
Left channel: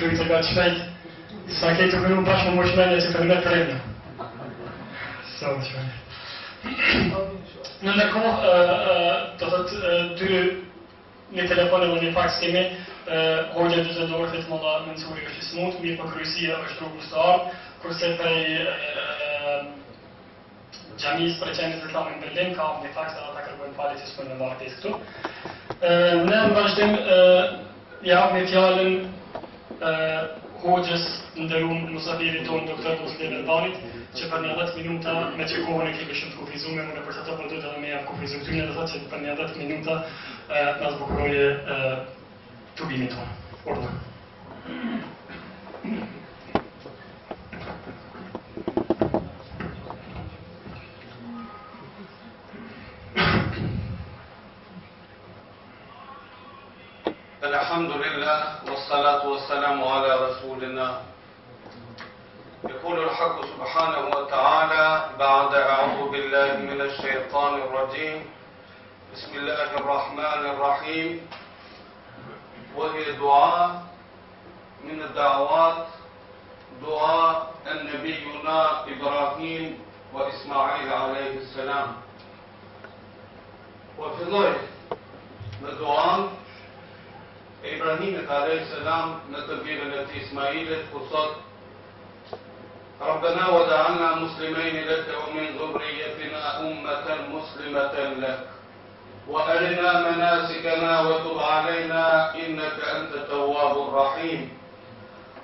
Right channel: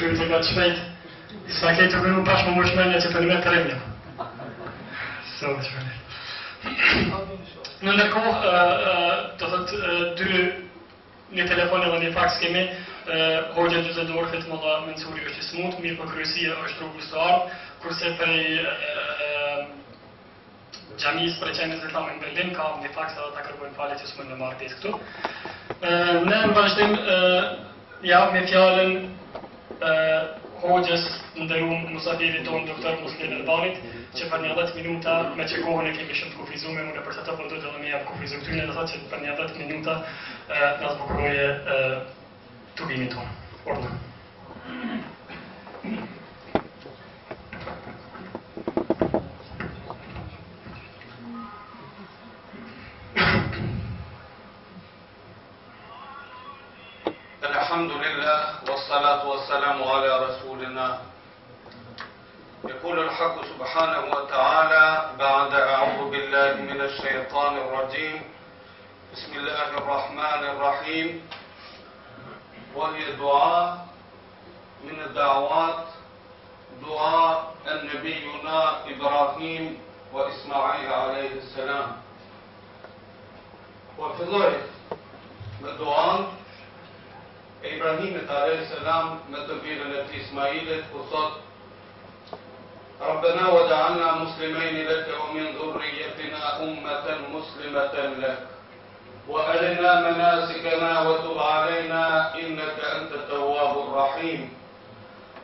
pyetje nga të shpejt. Sa ke të vënu bashkë më shmendja që të nërë të renja. So, që në nërkohë, të thëtë, dy një telefon edhe një faks kemi, hoxha 20 orë të mëlla Mensuri është i smut, mirë për kryesia është rrugë Mustar, kurse prej xhamis për qendrën islame në Berlin ka një faks edhe ta kërkojmë falje që s'mund të marrë pjesë këtu. Ne në vazhdim jam me fjalën hoxhës nderuar musafirit tonë doktor Muslim Elbanit, që për një 10 minuta me që kohën e kemi shumë të kufizume, më në përsa të përdojt edhe me jam kufizu të një dhe thotë që për një 10 minuta në zbukuroje të bimit tonë. Ordo. الحمد لله والصلاة والسلام على رسولنا. يقول الحق سبحانه وتعالى بعد أعوذ بالله من الشيطان الرجيم بسم الله الرحمن الرحيم وهي دعاء من الدعوات دعاء نبينا إبراهيم وإسماعيل عليه السلام وفي الله الدعاء إبراهيم عليه السلام متبين التي إسماعيل وصد ربنا وجعلنا مسلمين لك ومن ذريتنا أمة مسلمة لك وأرنا مناسكنا وتب علينا إنك أنت التواب الرحيم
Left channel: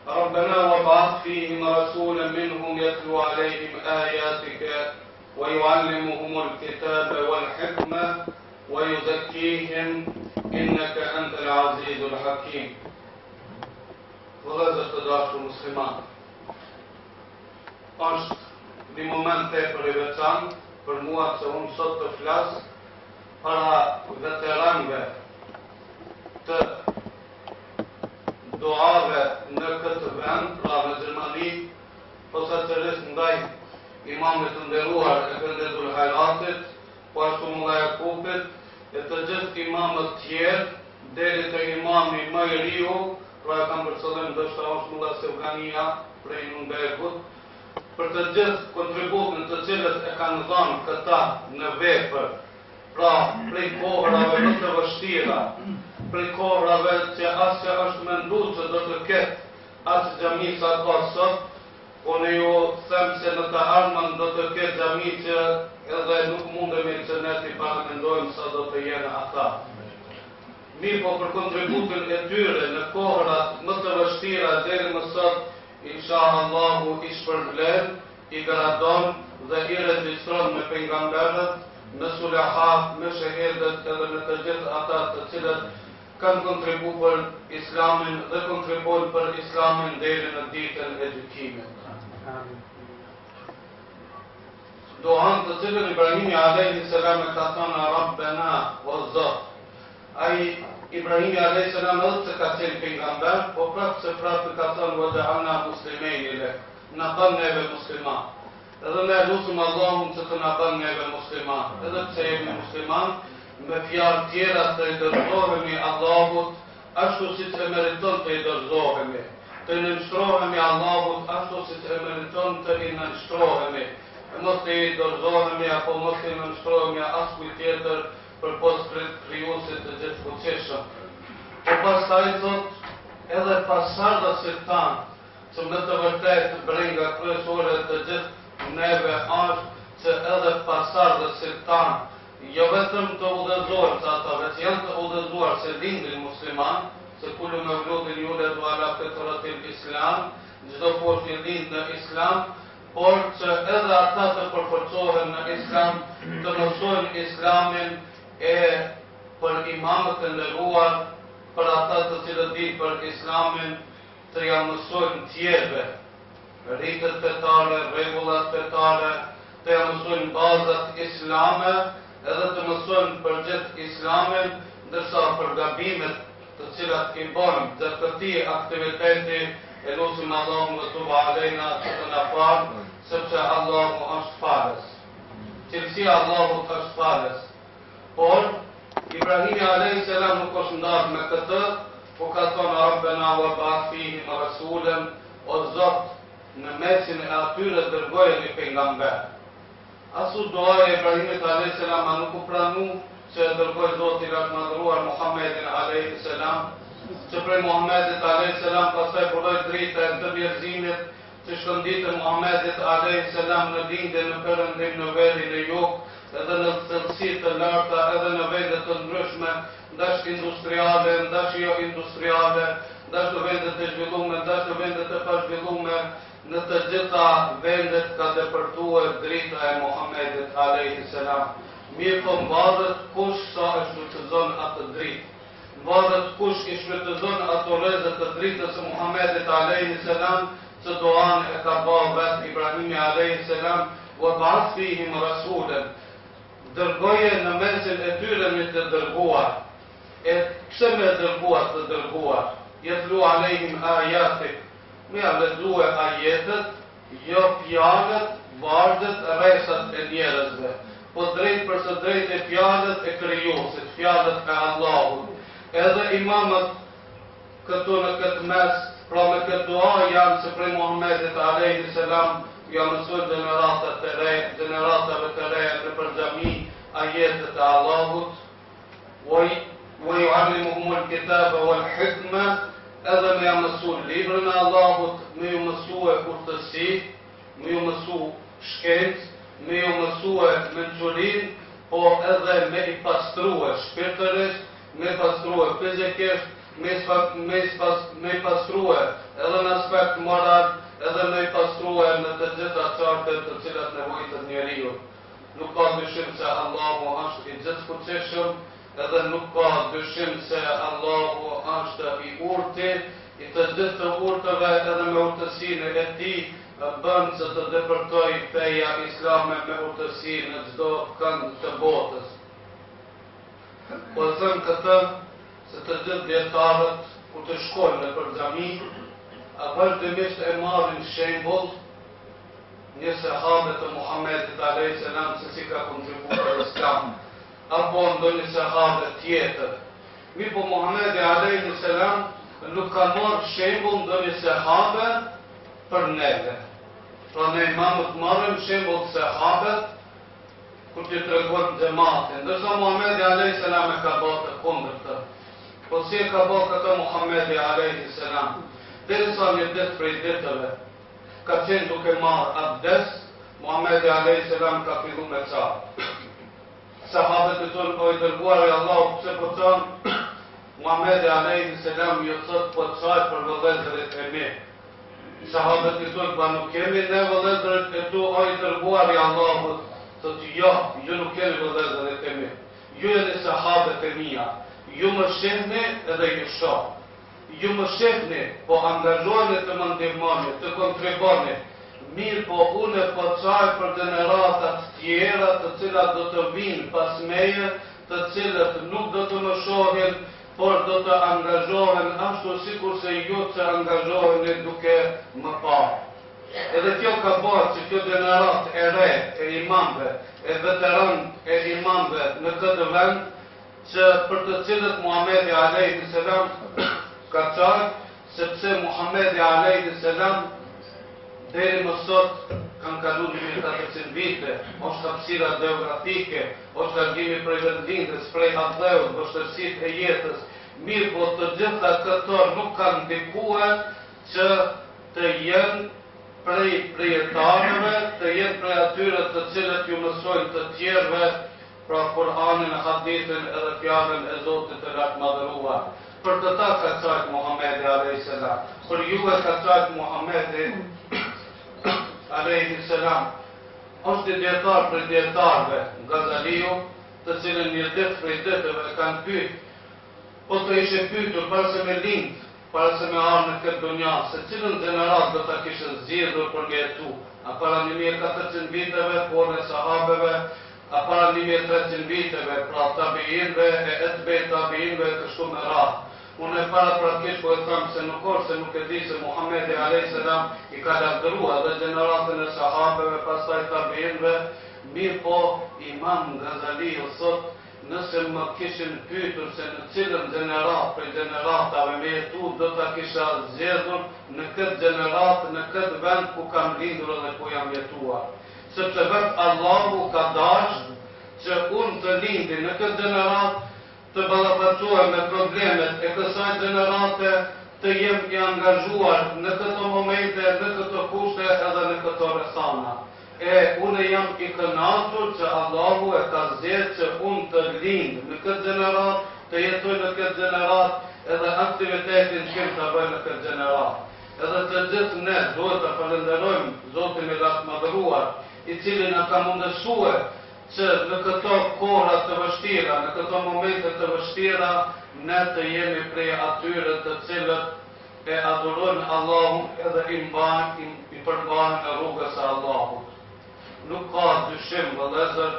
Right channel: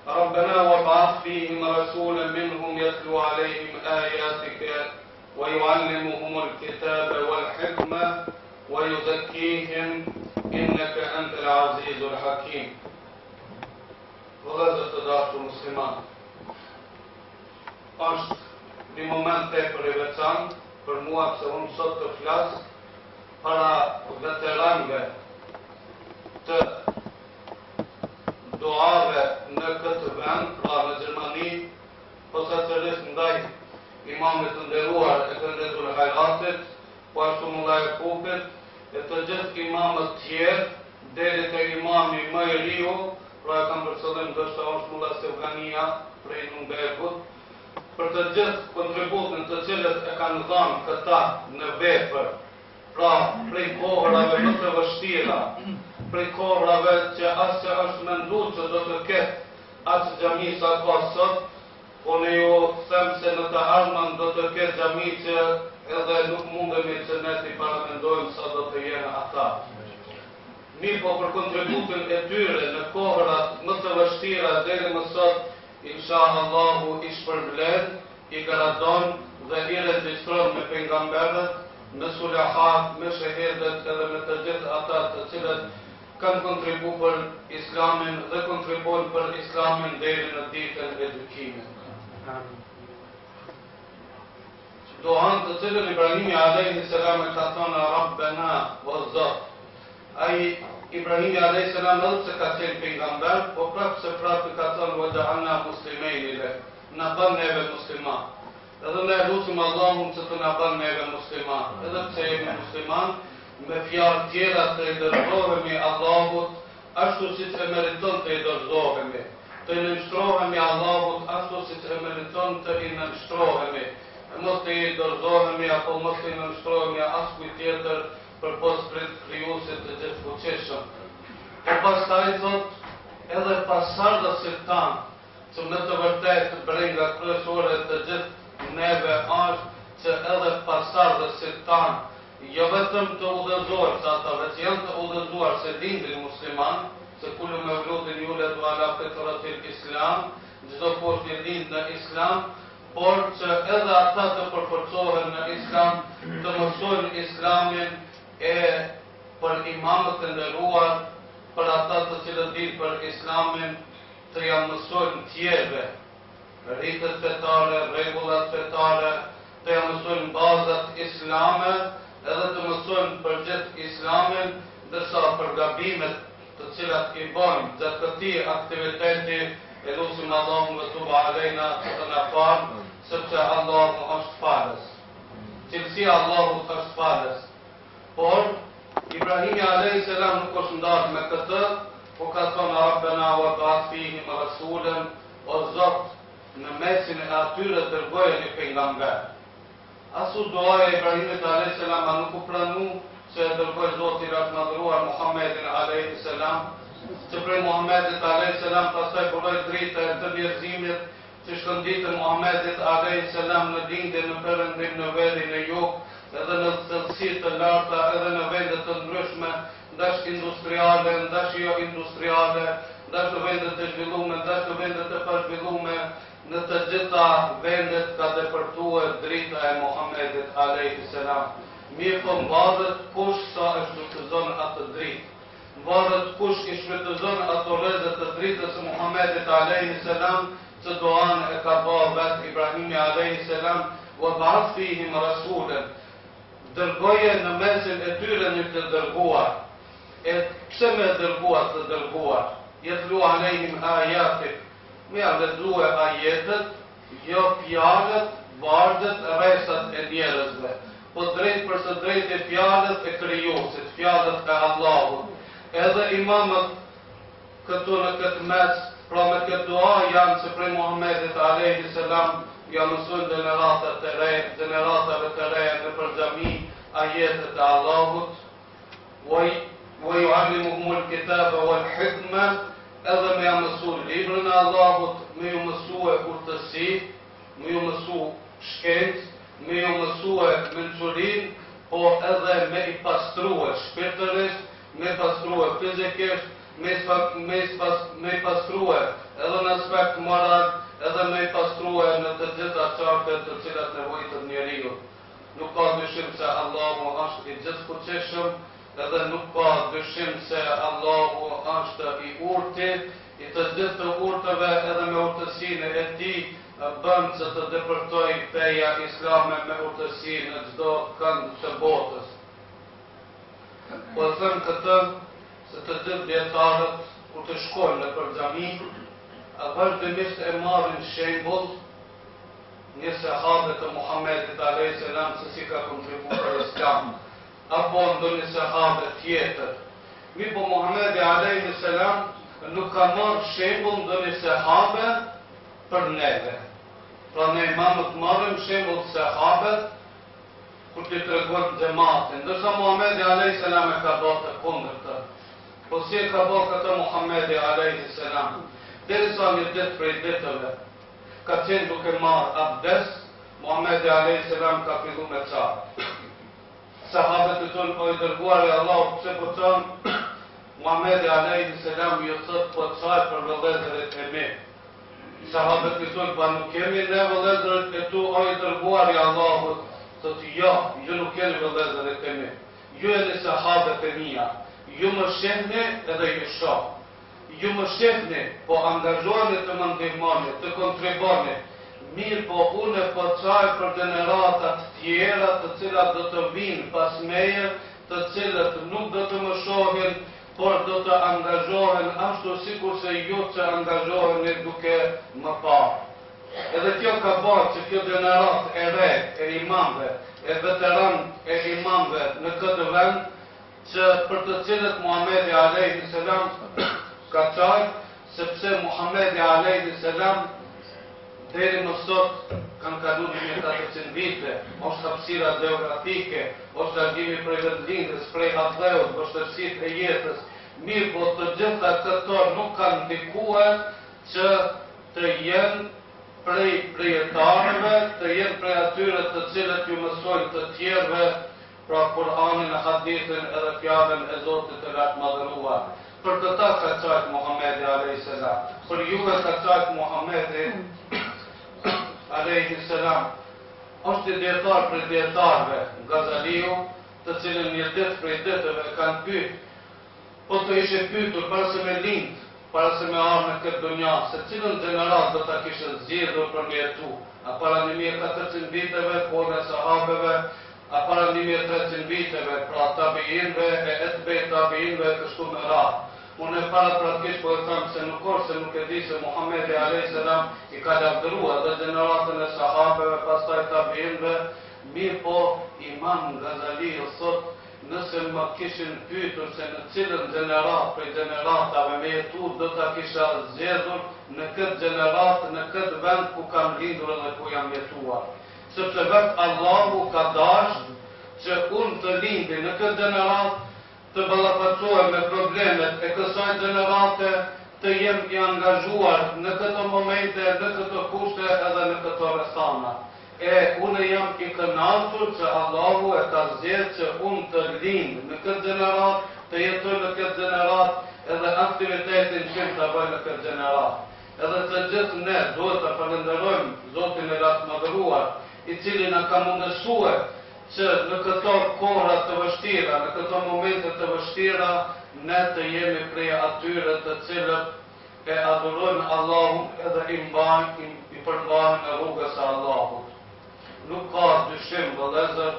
ربنا وابعث فيهم رسولا منهم يتلو عليهم آياتك ويعلمهم الكتاب والحكمة ويزكيهم إنك أنت العزيز الحكيم. Vëllezër të dashur musliman, është një moment tepër i veçantë për mua se unë sot të flas para veteranëve të duave në këtë vend, pra në Gjermani, posaçërisht ndaj imamit të nderuar e Këndezul Hajratit, po ashtu Mulla Jakubit, e të gjithë imamët tjerë, deri te imami më i riu, pra e kam për qëllim ndoshta është Mulla Sevgania prej Nürnbergut, për të gjithë kontributin të cilët e kanë dhënë këta në vepër, pra prej kohërave më të vështira, prej kohërave që as që është menduar që do të ketë atë xhami sa ka sot, unë ju them se në të ardhmen do të ketë xhami që edhe nuk mundemi që ne t'i paramendojmë sa do të jenë ata. Mirë po për kontributin e tyre në kohërat më të vështira deri më sot, inshallahu i shpërblen, i gradon dhe i regjistron me pejgamberët, me sulahat, me shahidët edhe me të gjithë ata të cilët kanë kontribuar për Islamin dhe kontribuojnë për Islamin deri në ditën e gjykimit. Duan të cilën Ibrahimi alayhi salam e ka thënë Rabbena o Zot. Ai Ibrahimi alayhi salam edhe se ka qenë pejgamber, po prapë ka thënë wa ja'alna muslimin lek. Na bën neve musliman. Edhe ne lutim Allahun që të na bën neve musliman. Edhe pse jemi musliman, me fjalë tjera të i dorëzohemi Allahut, ashtu siç e meriton të i dorëzohemi. Të nënshtrohemi Allahut ashtu siç e meriton të i nënshtrohemi. Mos të i dorëzohemi apo mos të i nënshtrohemi askujt tjetër përposhtë krijuesit të gjithë fuqishëm. Po pastaj thot, edhe pasardhësit tanë, që me të vërtetë brenga kryesore të gjithë neve është që edhe pasardhësit tanë, jo vetëm të udhëzuar, se ata veç janë të udhëzuar se lindin musliman, se kullu me vludin julet ala fitratil islam, çdo kush i lind në islam, por që edhe ata të përforcohen në islam, të mësojnë islamin e për imamët të nderuar, për ata të cilët dinë për islamin, të ja mësojnë tjerëve, ritët fetare, rregullat fetare, të ja mësojnë bazat islame, edhe të mësojnë për gjithë islamin, ndërsa për gabimet të cilat i bojnë gjatë këtij aktiviteti, e lutim Allahun wa tub alejna që të na falë, sepse Allahu është falës. Cilësia Allahut është falës. Por, Ibrahimi alayhi salam nuk është ndarë me këtë, po ka thonë Rabbena wa ba'ath fihim rasulen, o Zot, në mesin e atyre dërgoje një pejgamber. Asu duaja e Ibrahimit a.s. a nuk u pranu që e dërgoj Zotin e madhëruar Muhammedin a.s. që prej Muhammedit a.s. pastaj buroj drita e të njerëzimit që shkëndite Muhammedit a.s. në lindje, në perëndim, në veri, në jug, edhe në thellësi të larta, edhe në vende të ndryshme, ndash industriale, ndash jo industriale, ndash në vende të zhvillume, ndash në vende të pazhvillume, në të gjitha vendet ka depërtuar drita e Muhammedit a.s. Mirë po mbarët kush sa e shfrytëzon atë dritë. Mbarët kush i shfrytëzon ato rrezë të dritës së Muhammedit a.s. që doan e ka bërë vetë Ibrahimi a.s. wa ba'ath fihim rasulen. Dërgoje në mesin e tyre një të dërguar. E pse me dërguar të dërguar? Yatlu alejhim ayatik. Me ja lexue ajetet, jo fjalët, bardhët, rresat e njerëzve, po drejt për së drejt e fjalët e krijuesit, fjalët e Allahut. Edhe imamët këtu në këtë mes, pra me këtë dua janë se prej Muhammedit a.s. ja mësuar gjeneratave të reja në përgjami ajetet e Allahut, wa yu'allimuhumul kitaba wal hikma, edhe me ja mësu librën e Allahut, me ju mësu e urtësi, me ju mësu shkencë, me ju mësu e mençurin, po edhe me i pastrue shpirtërisht, me pastrue fizikisht, me pastrue edhe në aspekt moral, edhe me i pastrue në të gjitha qartet të cilat nevojitët njeriu. Nuk ka dyshim se Allahu është i gjithfuqishëm, edhe nuk ka dyshim se Allahu është i urti, i të gjithë të urtëve, edhe me urtësinë e tij bën që të depërtoj feja islame me urtësinë në çdo kënd të botës. Po them këtë se të gjithë dietarët kur të shkojnë në përgjami, vazhdimisht e marrin shembull një sahabe të Muhammedit a.s. se si ka kontribuar Islam, apo ndonjë sahabe tjetër. Mi po Muhammedi a.s. nuk ka marrë shembull ndonjë sahabe për neve. Pra ne imamët marrim shembull sahabet kur të tregojnë xhamatin. Ndërsa Muhammedi a.s. e ka bërë të kundërta. Po si e ka bërë këtë Muhammedi a.s. Derisa një ditë prej ditëve ka qenë duke marrë abdes, Muhammedi a.s. ka filluar me çaj. Sahabët e tonë po i dërguar e Allah, pse po thonë, Muhammedi a.s. ju thot po çaj për vëllezërit e mi. Sahabët e tonë, pa nuk kemi ne vëllezërit e tu, o i dërguar e Allahut, thot jo, ju nuk keni vëllezërit e mi. Ju jeni sahabët e mia, ju më shihni edhe ju shoh. Ju më shihni, po angazhojeni të më ndihmoni, të kontriboni. Mirë po unë po çaj për generatat tjera të cilat do të vinë pas meje, të cilët nuk do të më shohin, por do të angazhohen ashtu sikur se ju që angazhoheni duke më parë. Edhe kjo ka bërë që kjo generat e re e imamve, e veteran e imamve në këtë vend, që për të cilët Muhammedi a.s. ka çaj, sepse Muhammedi a.s. deri më sot kanë kaluar 1400 vite, ose hapësira geografike, ose largimi prej vendlindjes, prej adheut, vështirësitë e jetës. Mirë po të gjitha këto nuk kanë ndikuar që të jenë prej prietarëve, të jenë prej atyre të cilët ju mësojnë të tjerëve, pra Kur'anin, hadithin edhe fjalën e Zotit të lartë madhëruar. Për këta ka çajt Muhammedi a.s. Për juve ka çajt Muhammedi a.s. është i dietar për dietarëve, Gazaliu, të cilën një ditë prej ditëve kanë pyet, po të ishe pyetur para se me lind, para se me ardhur në këtë dunja, se cilën gjenerat do ta kishte zgjedhur për me jetu, a para 1400 viteve, po në sahabeve, a para 1300 viteve, pra tabiinve e etbe tabiinve kështu me radhë. Unë e para praktisht po e them se nuk e di se Muhammedi a.s. i ka lavdëruar dhe gjeneratën e sahabeve, pastaj tabiinve, mirë po Imam Gazaliu thot, nëse më kishin pyetur se në cilën gjenerat prej gjeneratave me jetu, do ta kisha zgjedhur në këtë gjenerat, në këtë vend ku kam lindur dhe ku jam jetuar. Sepse vetë Allahu ka dashur që unë të lindi në këtë gjenerat, të ballafaqohem me problemet e kësaj gjenerate, të jem i angazhuar në këto momente, në këto kushte edhe në këto rrethana. Unë jam i kënaqur që Allahu e ka zgjedhur që unë të lind në këtë gjenerat, të jetoj në këtë gjenerat edhe aktivitetin që të bëj në këtë gjenerat. Edhe të gjithë ne duhet të falenderojmë Zotin e Lartëmadhëruar, i cili na ka mundësuar që në këto kohra të vështira, në këto momente të vështira, ne të jemi prej atyre të cilët e adhurojnë Allahun edhe i përbajnë në rrugës e Allahut. Nuk ka dyshim vëllezër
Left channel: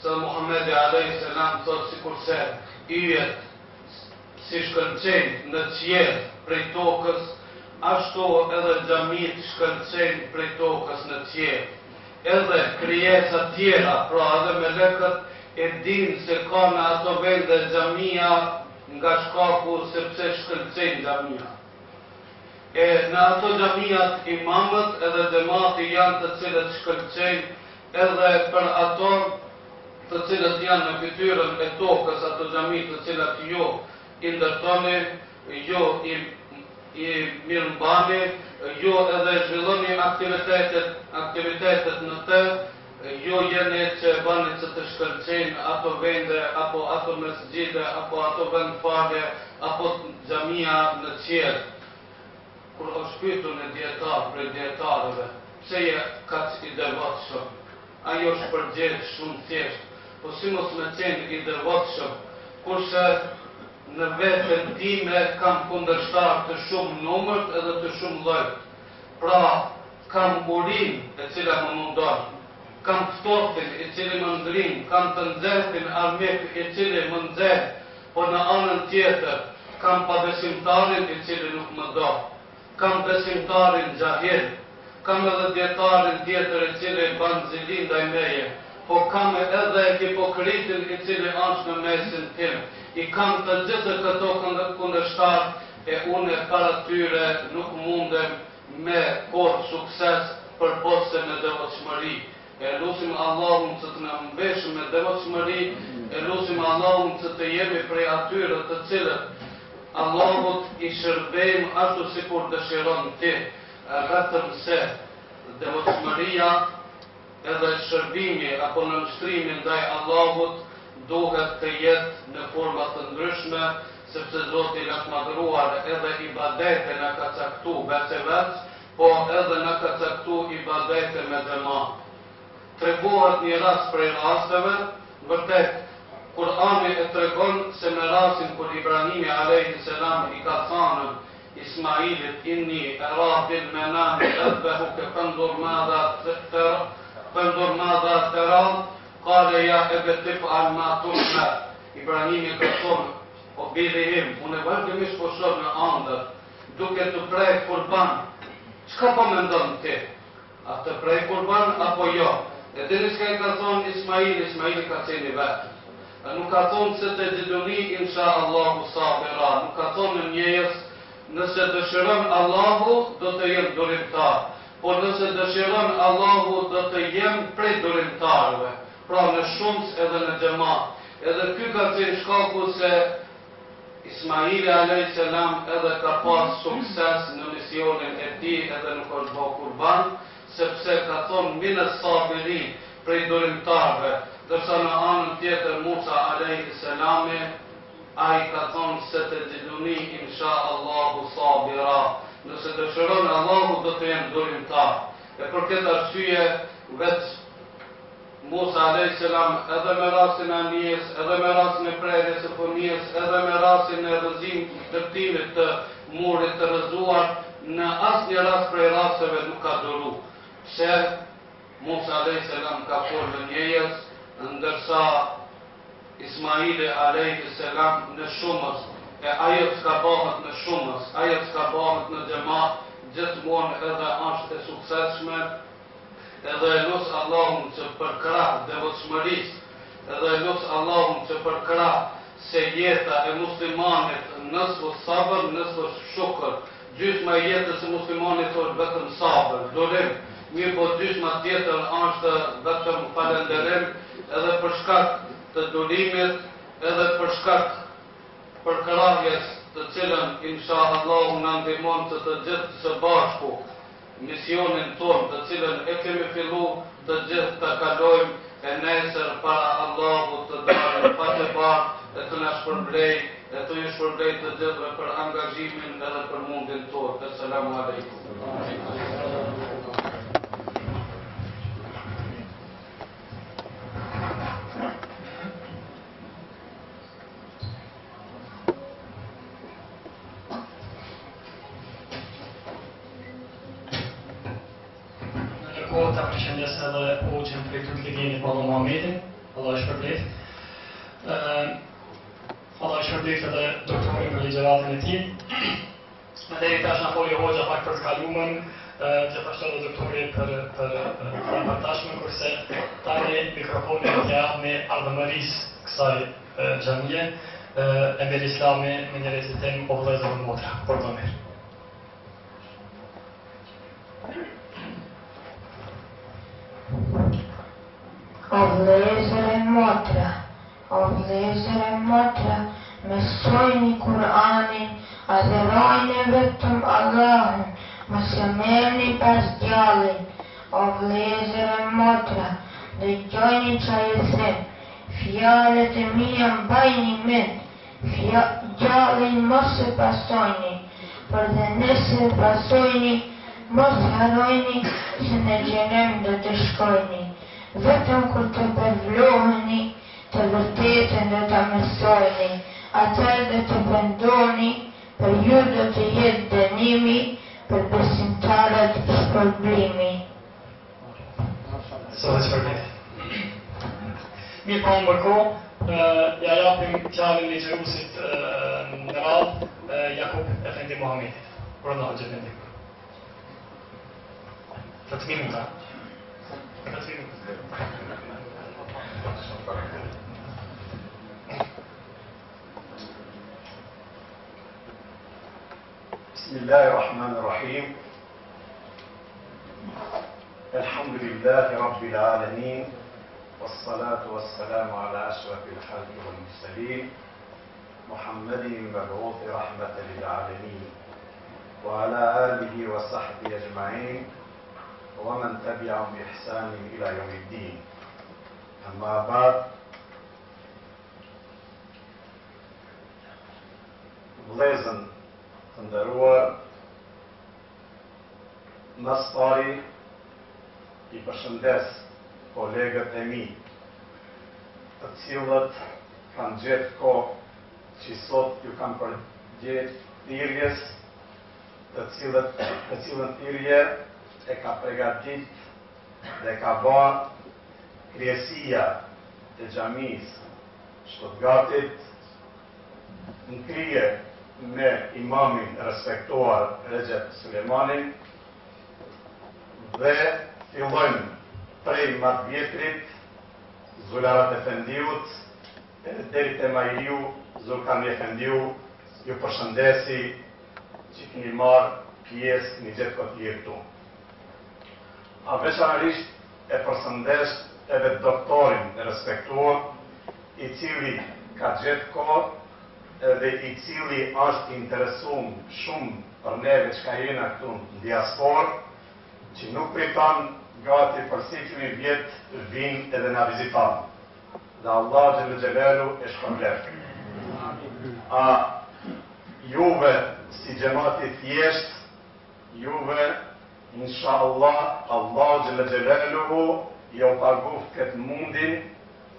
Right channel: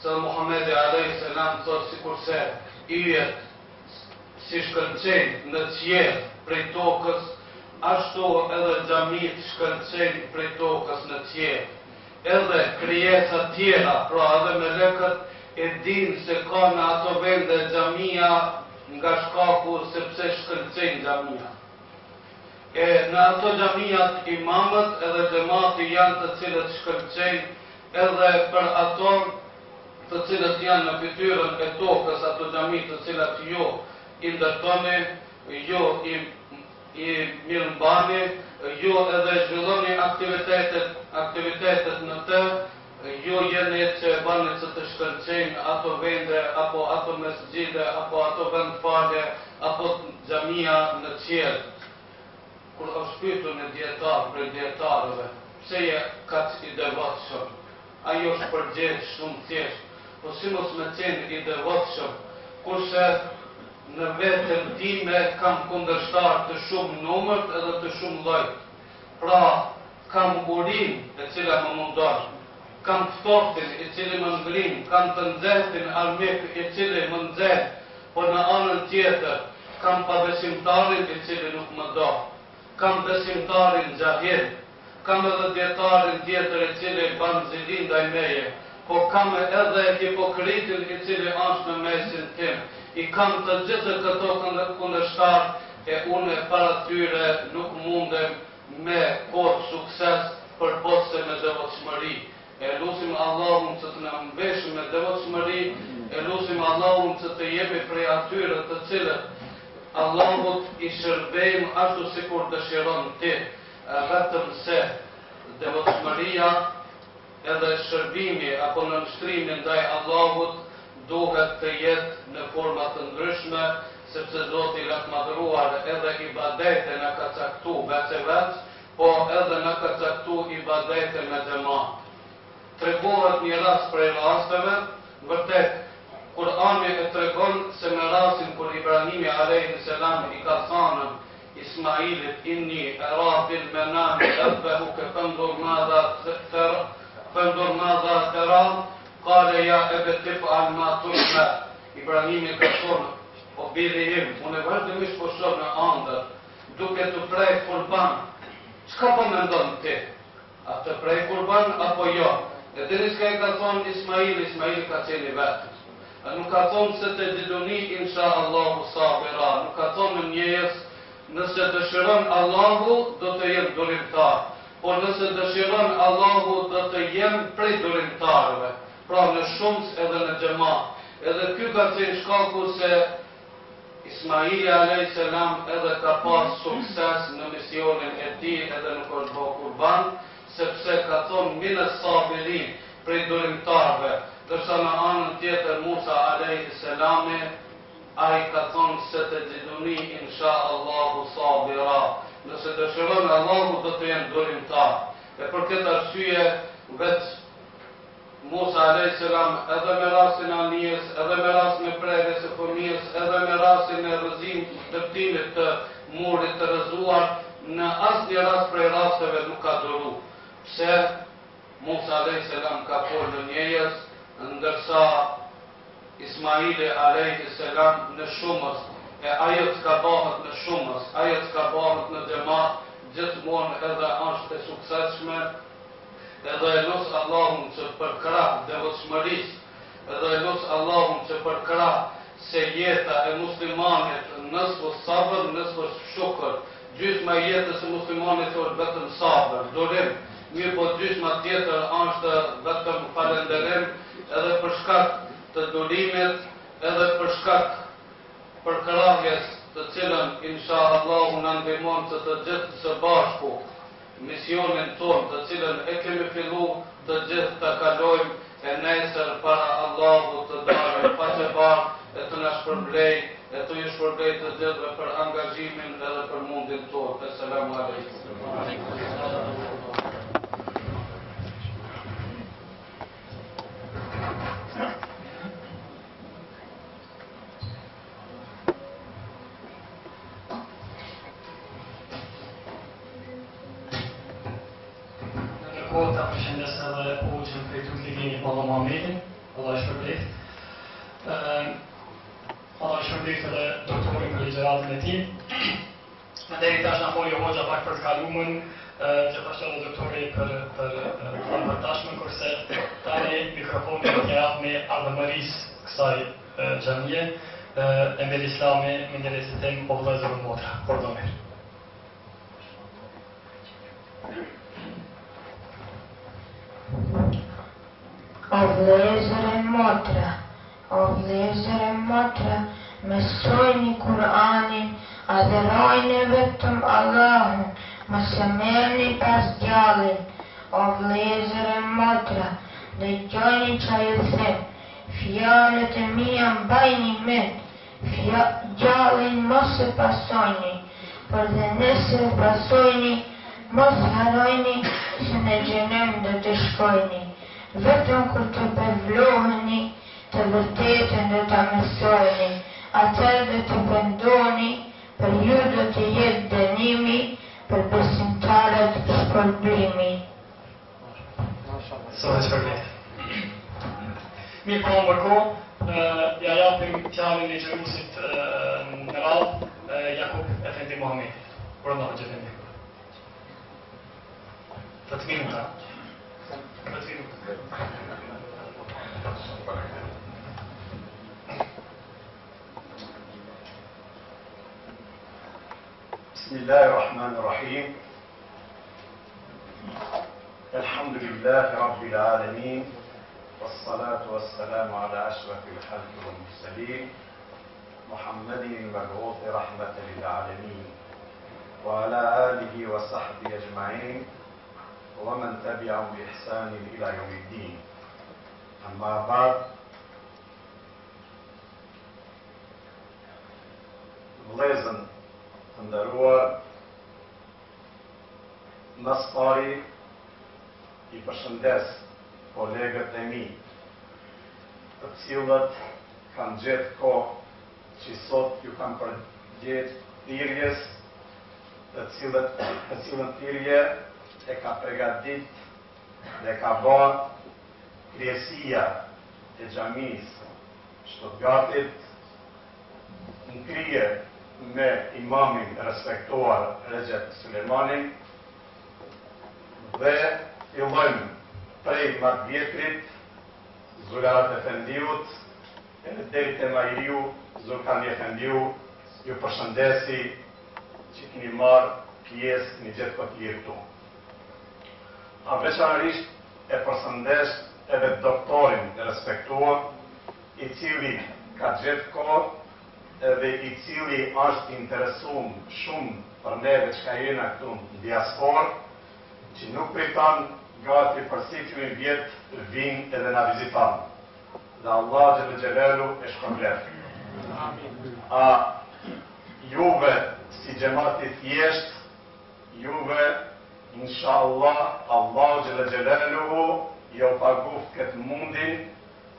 se Muhamedi alayhi salam thotë sikurse yjet si shkëlqejnë në qiell prej tokës, ashtu edhe xhamit shkëlqejnë prej tokës në qiell. Edhe krijesa tjera, pra edhe melekët e dinë se ka në ato vende xhamia nga shkaku sepse shkëlqejnë xhamia. Në ato xhamiat imamët edhe xhamati janë të cilët shkëlqejnë edhe për ato të cilët janë në fytyrën e tokës, ato xhamit të cilat jo i ndërtoni, jo i mirëmbani, jo edhe zhvilloni aktivitetet në të, jo jeni që bani që të shkëlqejnë ato vende, apo ato mesgjide, apo ato vendfale, apo xhamia në qiell. Kur është pyetur në dietar prej dietarëve, pse je kaq i devotshëm? Ajo është përgjigje shumë thjesht, po si mos me qenë i devotshëm, kurse në vetën time kam kundërshtar të shumë numërt edhe të shumë llojt. Pra, kam urinë e cila më mundon, kam ftohtin e cili më ngrin, kam të nxehtin armik e cili më nxeh, po në anën tjetër kam pabesimtarin e cili nuk më do, kam besimtarin xahil, kam edhe djetarin tjetër e cili ban zili ndaj meje, po kam edhe hipokritin e cili është në mesin tim. I kam të gjithë këto kundërshtar e unë para tyre nuk mundem me por sukses përpoqë se me devotshmëri. Lutim Allahun që të na mbeshëm me devotshmëri, lutim Allahun që të jemi prej atyre të cilët Allahut i shërbejmë ashtu sikur dëshiron ti, vetëm se devotshmëria edhe shërbimi apo nënshtrimi ndaj Allahut duhet të jetë në forma të ndryshme, sepse Zoti i Lartëmadhëruar edhe ibadete na ka caktuar veç, po edhe na ka caktuar ibadete me xhamat. Tregohet një rast prej rasteve, vërtet Kur'ani e tregon se në rastin kur Ibrahimi alayhi salam i ka thënë Ismailit inni ara bil manam adbahuka fanzur madha tara qala ya abati fa'al ma turma. Ibrahimi ka thonë, o birri im, unë vazhdimisht po shoh në ëndër, duke të prej kurban. Çka po mendon ti? A të prej kurban apo jo? E dini çka i ka thonë Ismaili ka qenë i vetëm. Nuk ka thonë se të gjiduni insha Allahu sabira, nuk ka thonë në njëjës, nëse dëshiron Allahu do të jem durimtar, por nëse dëshiron Allahu do të jem prej durimtarëve, pra në shumës edhe në xhamat. Edhe ky ka qenë shkaku se Ismaili alayhis salam edhe ka pas sukses në misionin e tij edhe nuk është bërë kurban, sepse ka thonë minas sabirin, prej durimtarëve, dërsa në anën tjetër Musa alayhis salam ai ka thonë se të gjiduni insha Allahu sabira, nëse dëshiron Allahu do të jem durimtar. E për këtë arsye vetë Musa alayhis salam edhe me rastin e anijës, edhe me rastin e prerjes së fëmijës, edhe me rastin e dërtimit të murit të rrëzuar, në asnjë rast prej rasteve nuk ka duru. Pse Musa alayhis salam ka folë në njëjës, ndërsa Ismaili alayhis salam në shumës, e ajo s'ka bëhet në shumës, ajo s'ka bëhet në xhamat, gjithmonë edhe është e suksesshme. Edhe e lusë Allahun që për krah devotshmërisë edhe lutë Allahun që për krah se jeta e muslimanit nësë sabër, nësë shukër. Gjysma e jetës e muslimanit është vetëm sabër, durim. Mirë po gjysma tjetër është vetëm falenderim, edhe për shkak të durimit, edhe për shkak për krahjes të cilën insha Allahu na ndihmon të gjithë së bashku misionin tonë të cilën e kemi fillu të gjithë të kalojmë e nesër para Allahu të dalim pa të barë e të në shpërblej e të një shpërblej të gjithëve për angazhimin edhe për mundin tonë. Assalamu alaikum. Ta përshëndes edhe hoxhën prej Tutligjenit Balla Muhamedin, Allah e shpërblet. Allah e shpërblet edhe doktorin për ligjëratën e tij. Deri tash na foli hoxha pak për kalumën, gjithashtu edhe doktori për tashmë, kurse tani mikrofonin do t'ia japni ardhëmërisë kësaj xhamie, emir islami minderetin tim po vëllezër në motra. Por do mirë. O vlezër e motra, mesojni Kur'anin, adhurojni vetëm Allahun, mos e merrni pas gjallin. O vlezër e motra, dëgjoni çfarë ju them, fjalët e mia mbajni mend, gjallin mos e pasoni, për dhe nëse e pasoni, mos harrojni se në xhenem do të shkojni. Vetëm kur të përvloheni, të vërtetën do të mësojni, atëherë do të pendoni, për ju do të jetë dënimi, për besimtarët shpërblimi. Mirë po më bërko, ja japim fjalën e xherusit në radhë, Jakub Efendi Muhamedi. Rënda Efendi. 30 minuta. بسم الله الرحمن الرحيم. الحمد لله رب العالمين، والصلاة والسلام على أشرف الخلق والمرسلين محمد المبعوث رحمة للعالمين وعلى آله وصحبه أجمعين ومن تبعهم بإحسان إلى يوم الدين. أما بعد، vëllezër të nderuar, mas pari i përshëndes kolegët e mi, të cilët kanë gjetë kohë që sot ju kanë përgjegjë thirrjes, të cilën thirrje e ka përgatit dhe ka bërë kryesia e xhamisë Shkutgatit në krye me imamin respektuar Recep Sulejmanin, dhe fillojmë prej Matvjetrit, Zularat Efendiut, deri te Majriu, Zulkani Efendiu, ju përshëndesi që keni marrë pjesë në gjithë këtë jetu. A veçanërisht e përshëndes edhe doktorin e respektuar, i cili ka gjithë kohë edhe i cili është interesum shumë për neve që ka jena këtu në diasporë, që nuk pritan gati për siklimin vjetë vinë edhe na vizitanë. Dhe Allah Gjellë Gjellalu e shpërblet. A juve si gjemati thjesht, juve insha Allah Gjellë Gjellalu jo paguft këtë mundin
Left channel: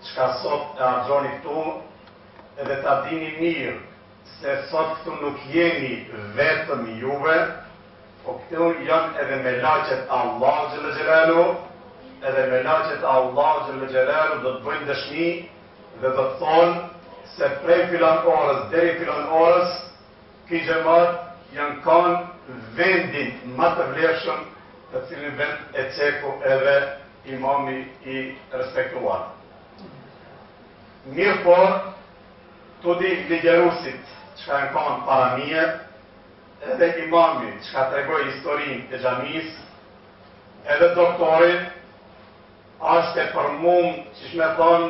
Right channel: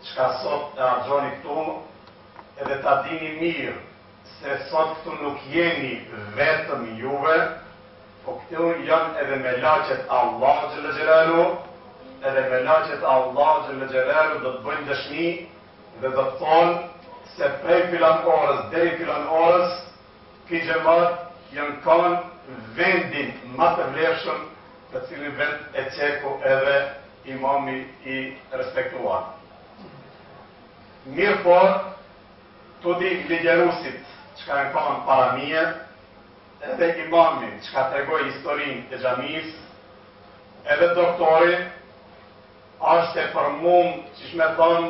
çka sot e argjoni këtu, edhe ta dini mirë se sot këtu nuk jeni vetëm juve, po këtu janë edhe me laqet Allah Gjellë Gjellalu, edhe me laqet Allah Gjellë Gjellalu do të bëjnë dëshmi dhe do të thonë se prej filan orës deri filan orës ki gjemat janë kanë vendin më të vlerëshëm të cilin vend e qeku edhe imami i respektuar. Mirë po, të di ligjerusit që ka në konë para mije, edhe imami që ka tregoj historinë e xhamisë, edhe doktori, është e për mund që shme thonë,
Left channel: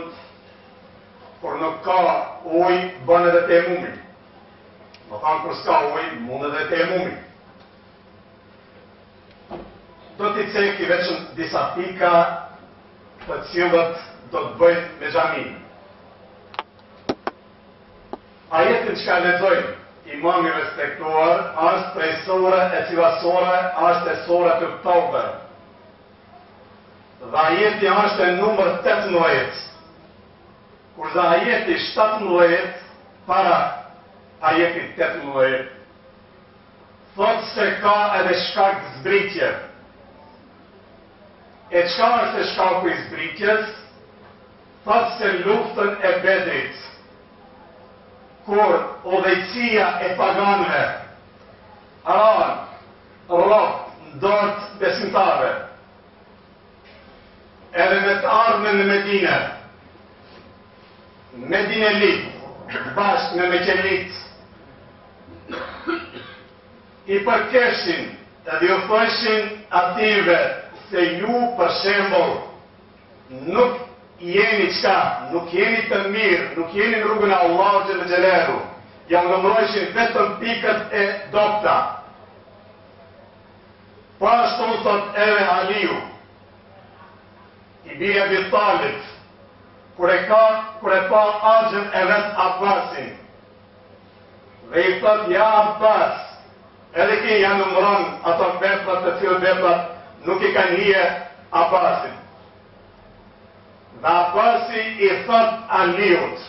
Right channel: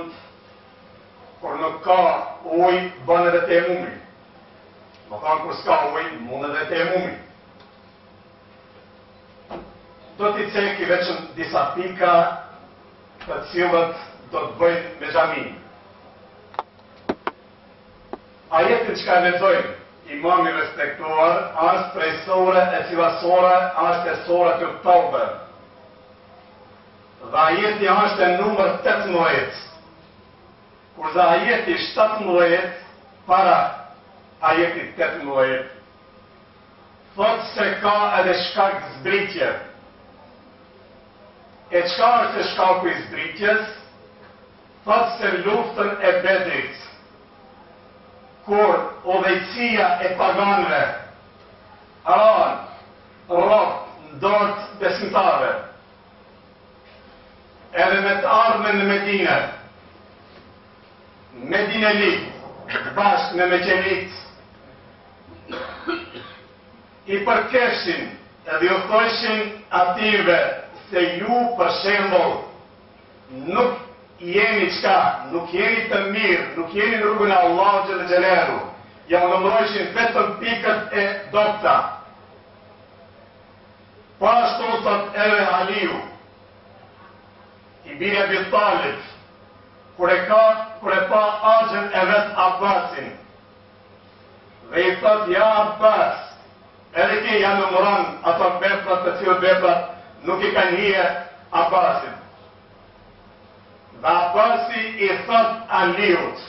kur nuk ka uj, bën edhe te mumi. Më thonë, kur s'ka uj, mund edhe te mumi. Do t'i ceki veçën disa pika të cilët do të bëjt me xhamin. Ajetin që ka lexojmë, imami respektuar, është prej sure e cilasore, është e sure të Tauba. Dhe ajeti është e numër 18. Kurse ajeti 17, para ajeti 18, thotë se ka edhe shkak zbritje. E qka është e shkaku i zbritjes? Thotë se luftën e Bedrit, kur udhëheqësia e paganëve aran rrot ndort besimtarëve, edhe me të ardhmen në Medinë, Medinelit, bashkë me Meqenit, i përkeshin edhe ju thoshin ative se ju për shembull nuk jeni qka, nuk jeni të mirë, nuk jeni në rrugën e Allahut xhel xhelalu, ja numërojshin vetëm pikët e dobta. Po ashtu thot edhe Aliu, i biri Abi Talib, kur e pa axhën e vet Abbasin, dhe i thot, ja Abbas, edhe ki ja numëron ato veprat të cilët veprat nuk i kanë hije Abbasin. Dhe Abbasi i thot Aliut,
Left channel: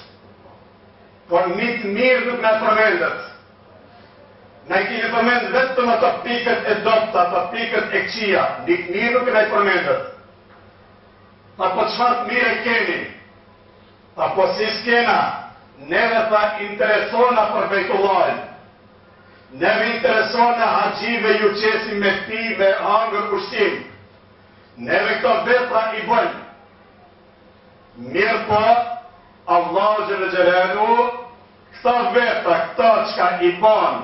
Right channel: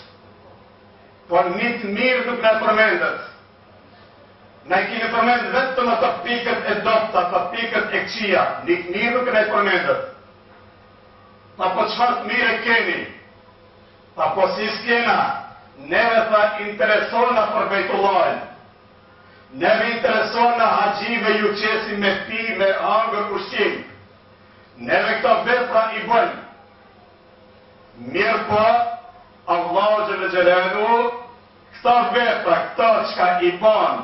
por një të mirë nuk në përmendet. Ne kemi përmendet vetëm ato pikët e dobta, ato pikët e këqija, një të mirë nuk në përmendet. Ta po çfarë të mirë e keni? Ta po si s'kena, neve tha interesona për Bejtullahin. Neve interesona haxhive ju qesim me pi, me hangër ushqim. Neve këto vepra i bëjmë. Mirë po, Allah xhel xhelalu, këta vepra, këta çka i banë,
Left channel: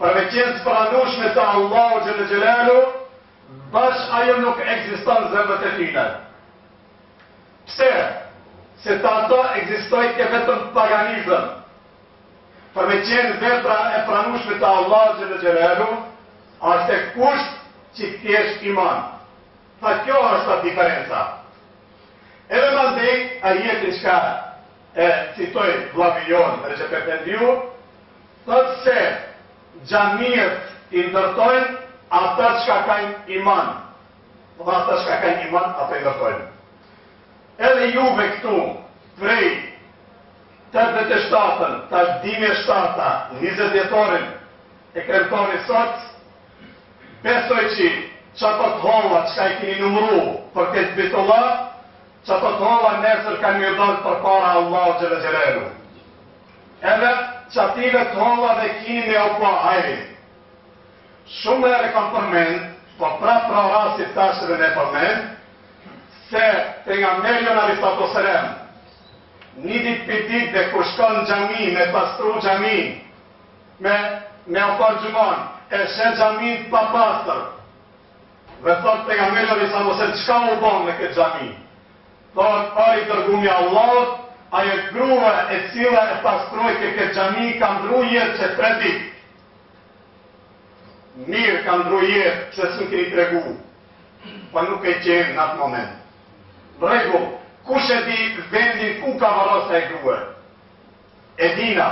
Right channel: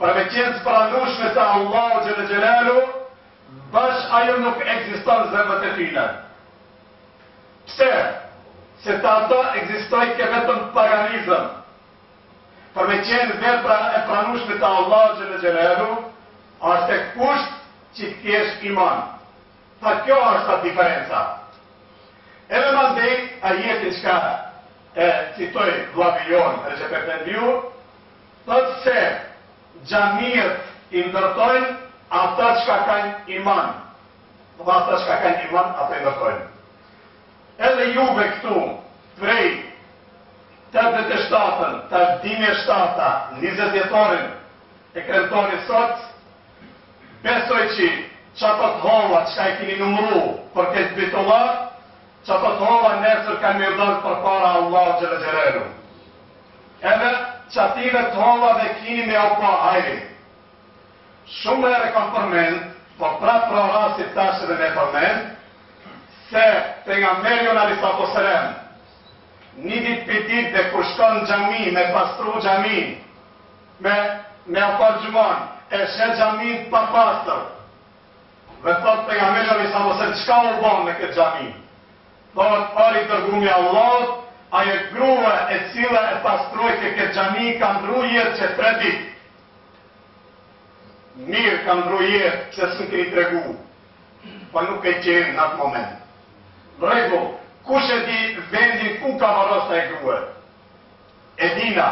për me qenë pranueshme të Allah xhel xhelalu, bash ajo nuk ekziston zemrat e tyre. Pse? Se të ato ekzistoj ke vetëm paganizëm. Për me qenë vepra e pranueshme të Allah xhel xhelalu, është e kusht që t'jesh iman. Tha kjo është ta diferenca. Edhe mandej, ajetin qka e citoj vllavi jonë Recep Efendiu, thotë se xhamiet i ndërtojnë ata qka kanë iman. Dhe ata qka kanë iman, ata i ndërtojnë. Edhe juve këtu, prej 87-ën, të 2007-a, 20 dhjetorin e kremtorit sot, besoj që ato të holla qka i kini numru për këtë Bejtullah, që ato të holla nesër kanë një dalë për para Allahu xhel xhelalu. Edhe që ative të holla dhe kini me opa hajrin. Shumë herë kam përmend, por prapë pra rastit tash edhe me përmend, se pejgamberi alayhi salatu wasalam, një ditë për ditë dhe kur shkon në xhami, me pastru xhamin, me opa xhumon, e sheh xhamin pa pastër. Dhe thot pejgamberi alayhi salatu wasalam, çka u bën me këtë xhami? Thot, pari dërgumi Allahut, ajo grua e cila e pastroj ke këtë xhami ka ndru jetë që 3 ditë. Mirë ka ndru jetë, pse s'më keni tregu, pa nuk e qenë në atë moment. Rregull, kush e di vendin ku ka varrosa e grua? E dina,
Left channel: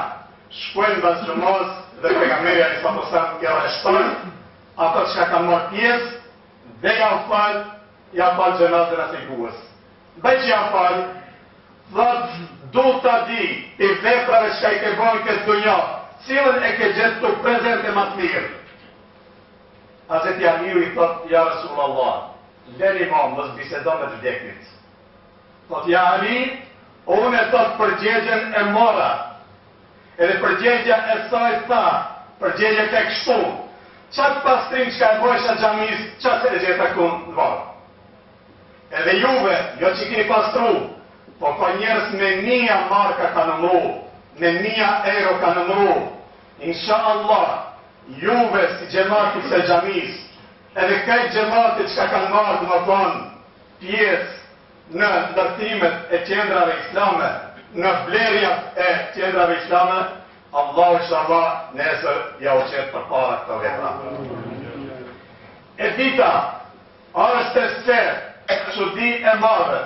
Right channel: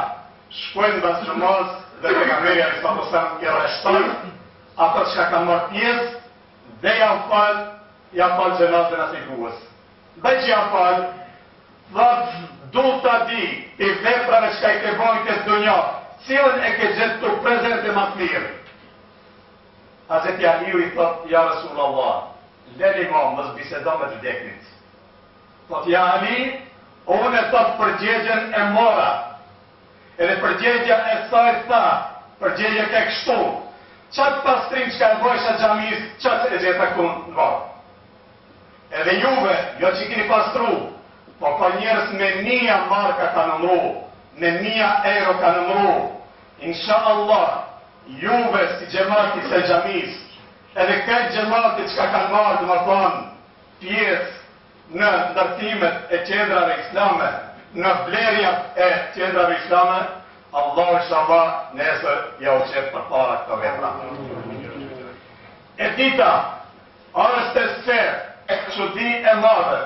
shkojnë bas xhumos dhe pejgamberi alayhi salatu wasallam i arreston ato që kanë marrë pjesë dhe ja fal xhenazën asaj gruas. Dhe që ja falë, thot, du të di, i veprave që ka i ke bënë kësë dunja, cilën e ke gjithë të prezente më të mirë. Hazreti Aliu i thot, ja Rasulullah, leni ma, mos bisedon me të vdeknit. Thot, ja Ali, unë e thot përgjegjen e mora, edhe përgjegja e saj tha, përgjegja ke kështu, qatë pastrim që ka e bojsha xhamis, qatë e gjitha këtu në varë. Edhe juve, jo që kini pastru, po ka njerës me 1.000 marka ka nëmru, me 1.000 euro ka nëmru. Insha Allah, juve si gjemati kësaj xhamis, edhe këtë gjemati që ka kanë marrë më thonë pjesë në ndërtimet e qendrave islame, në vlerjat e qendrave islame, Allah inshallah nesër ja u qetë për para këto veta. E dita, është të sferë, çudi e madhe,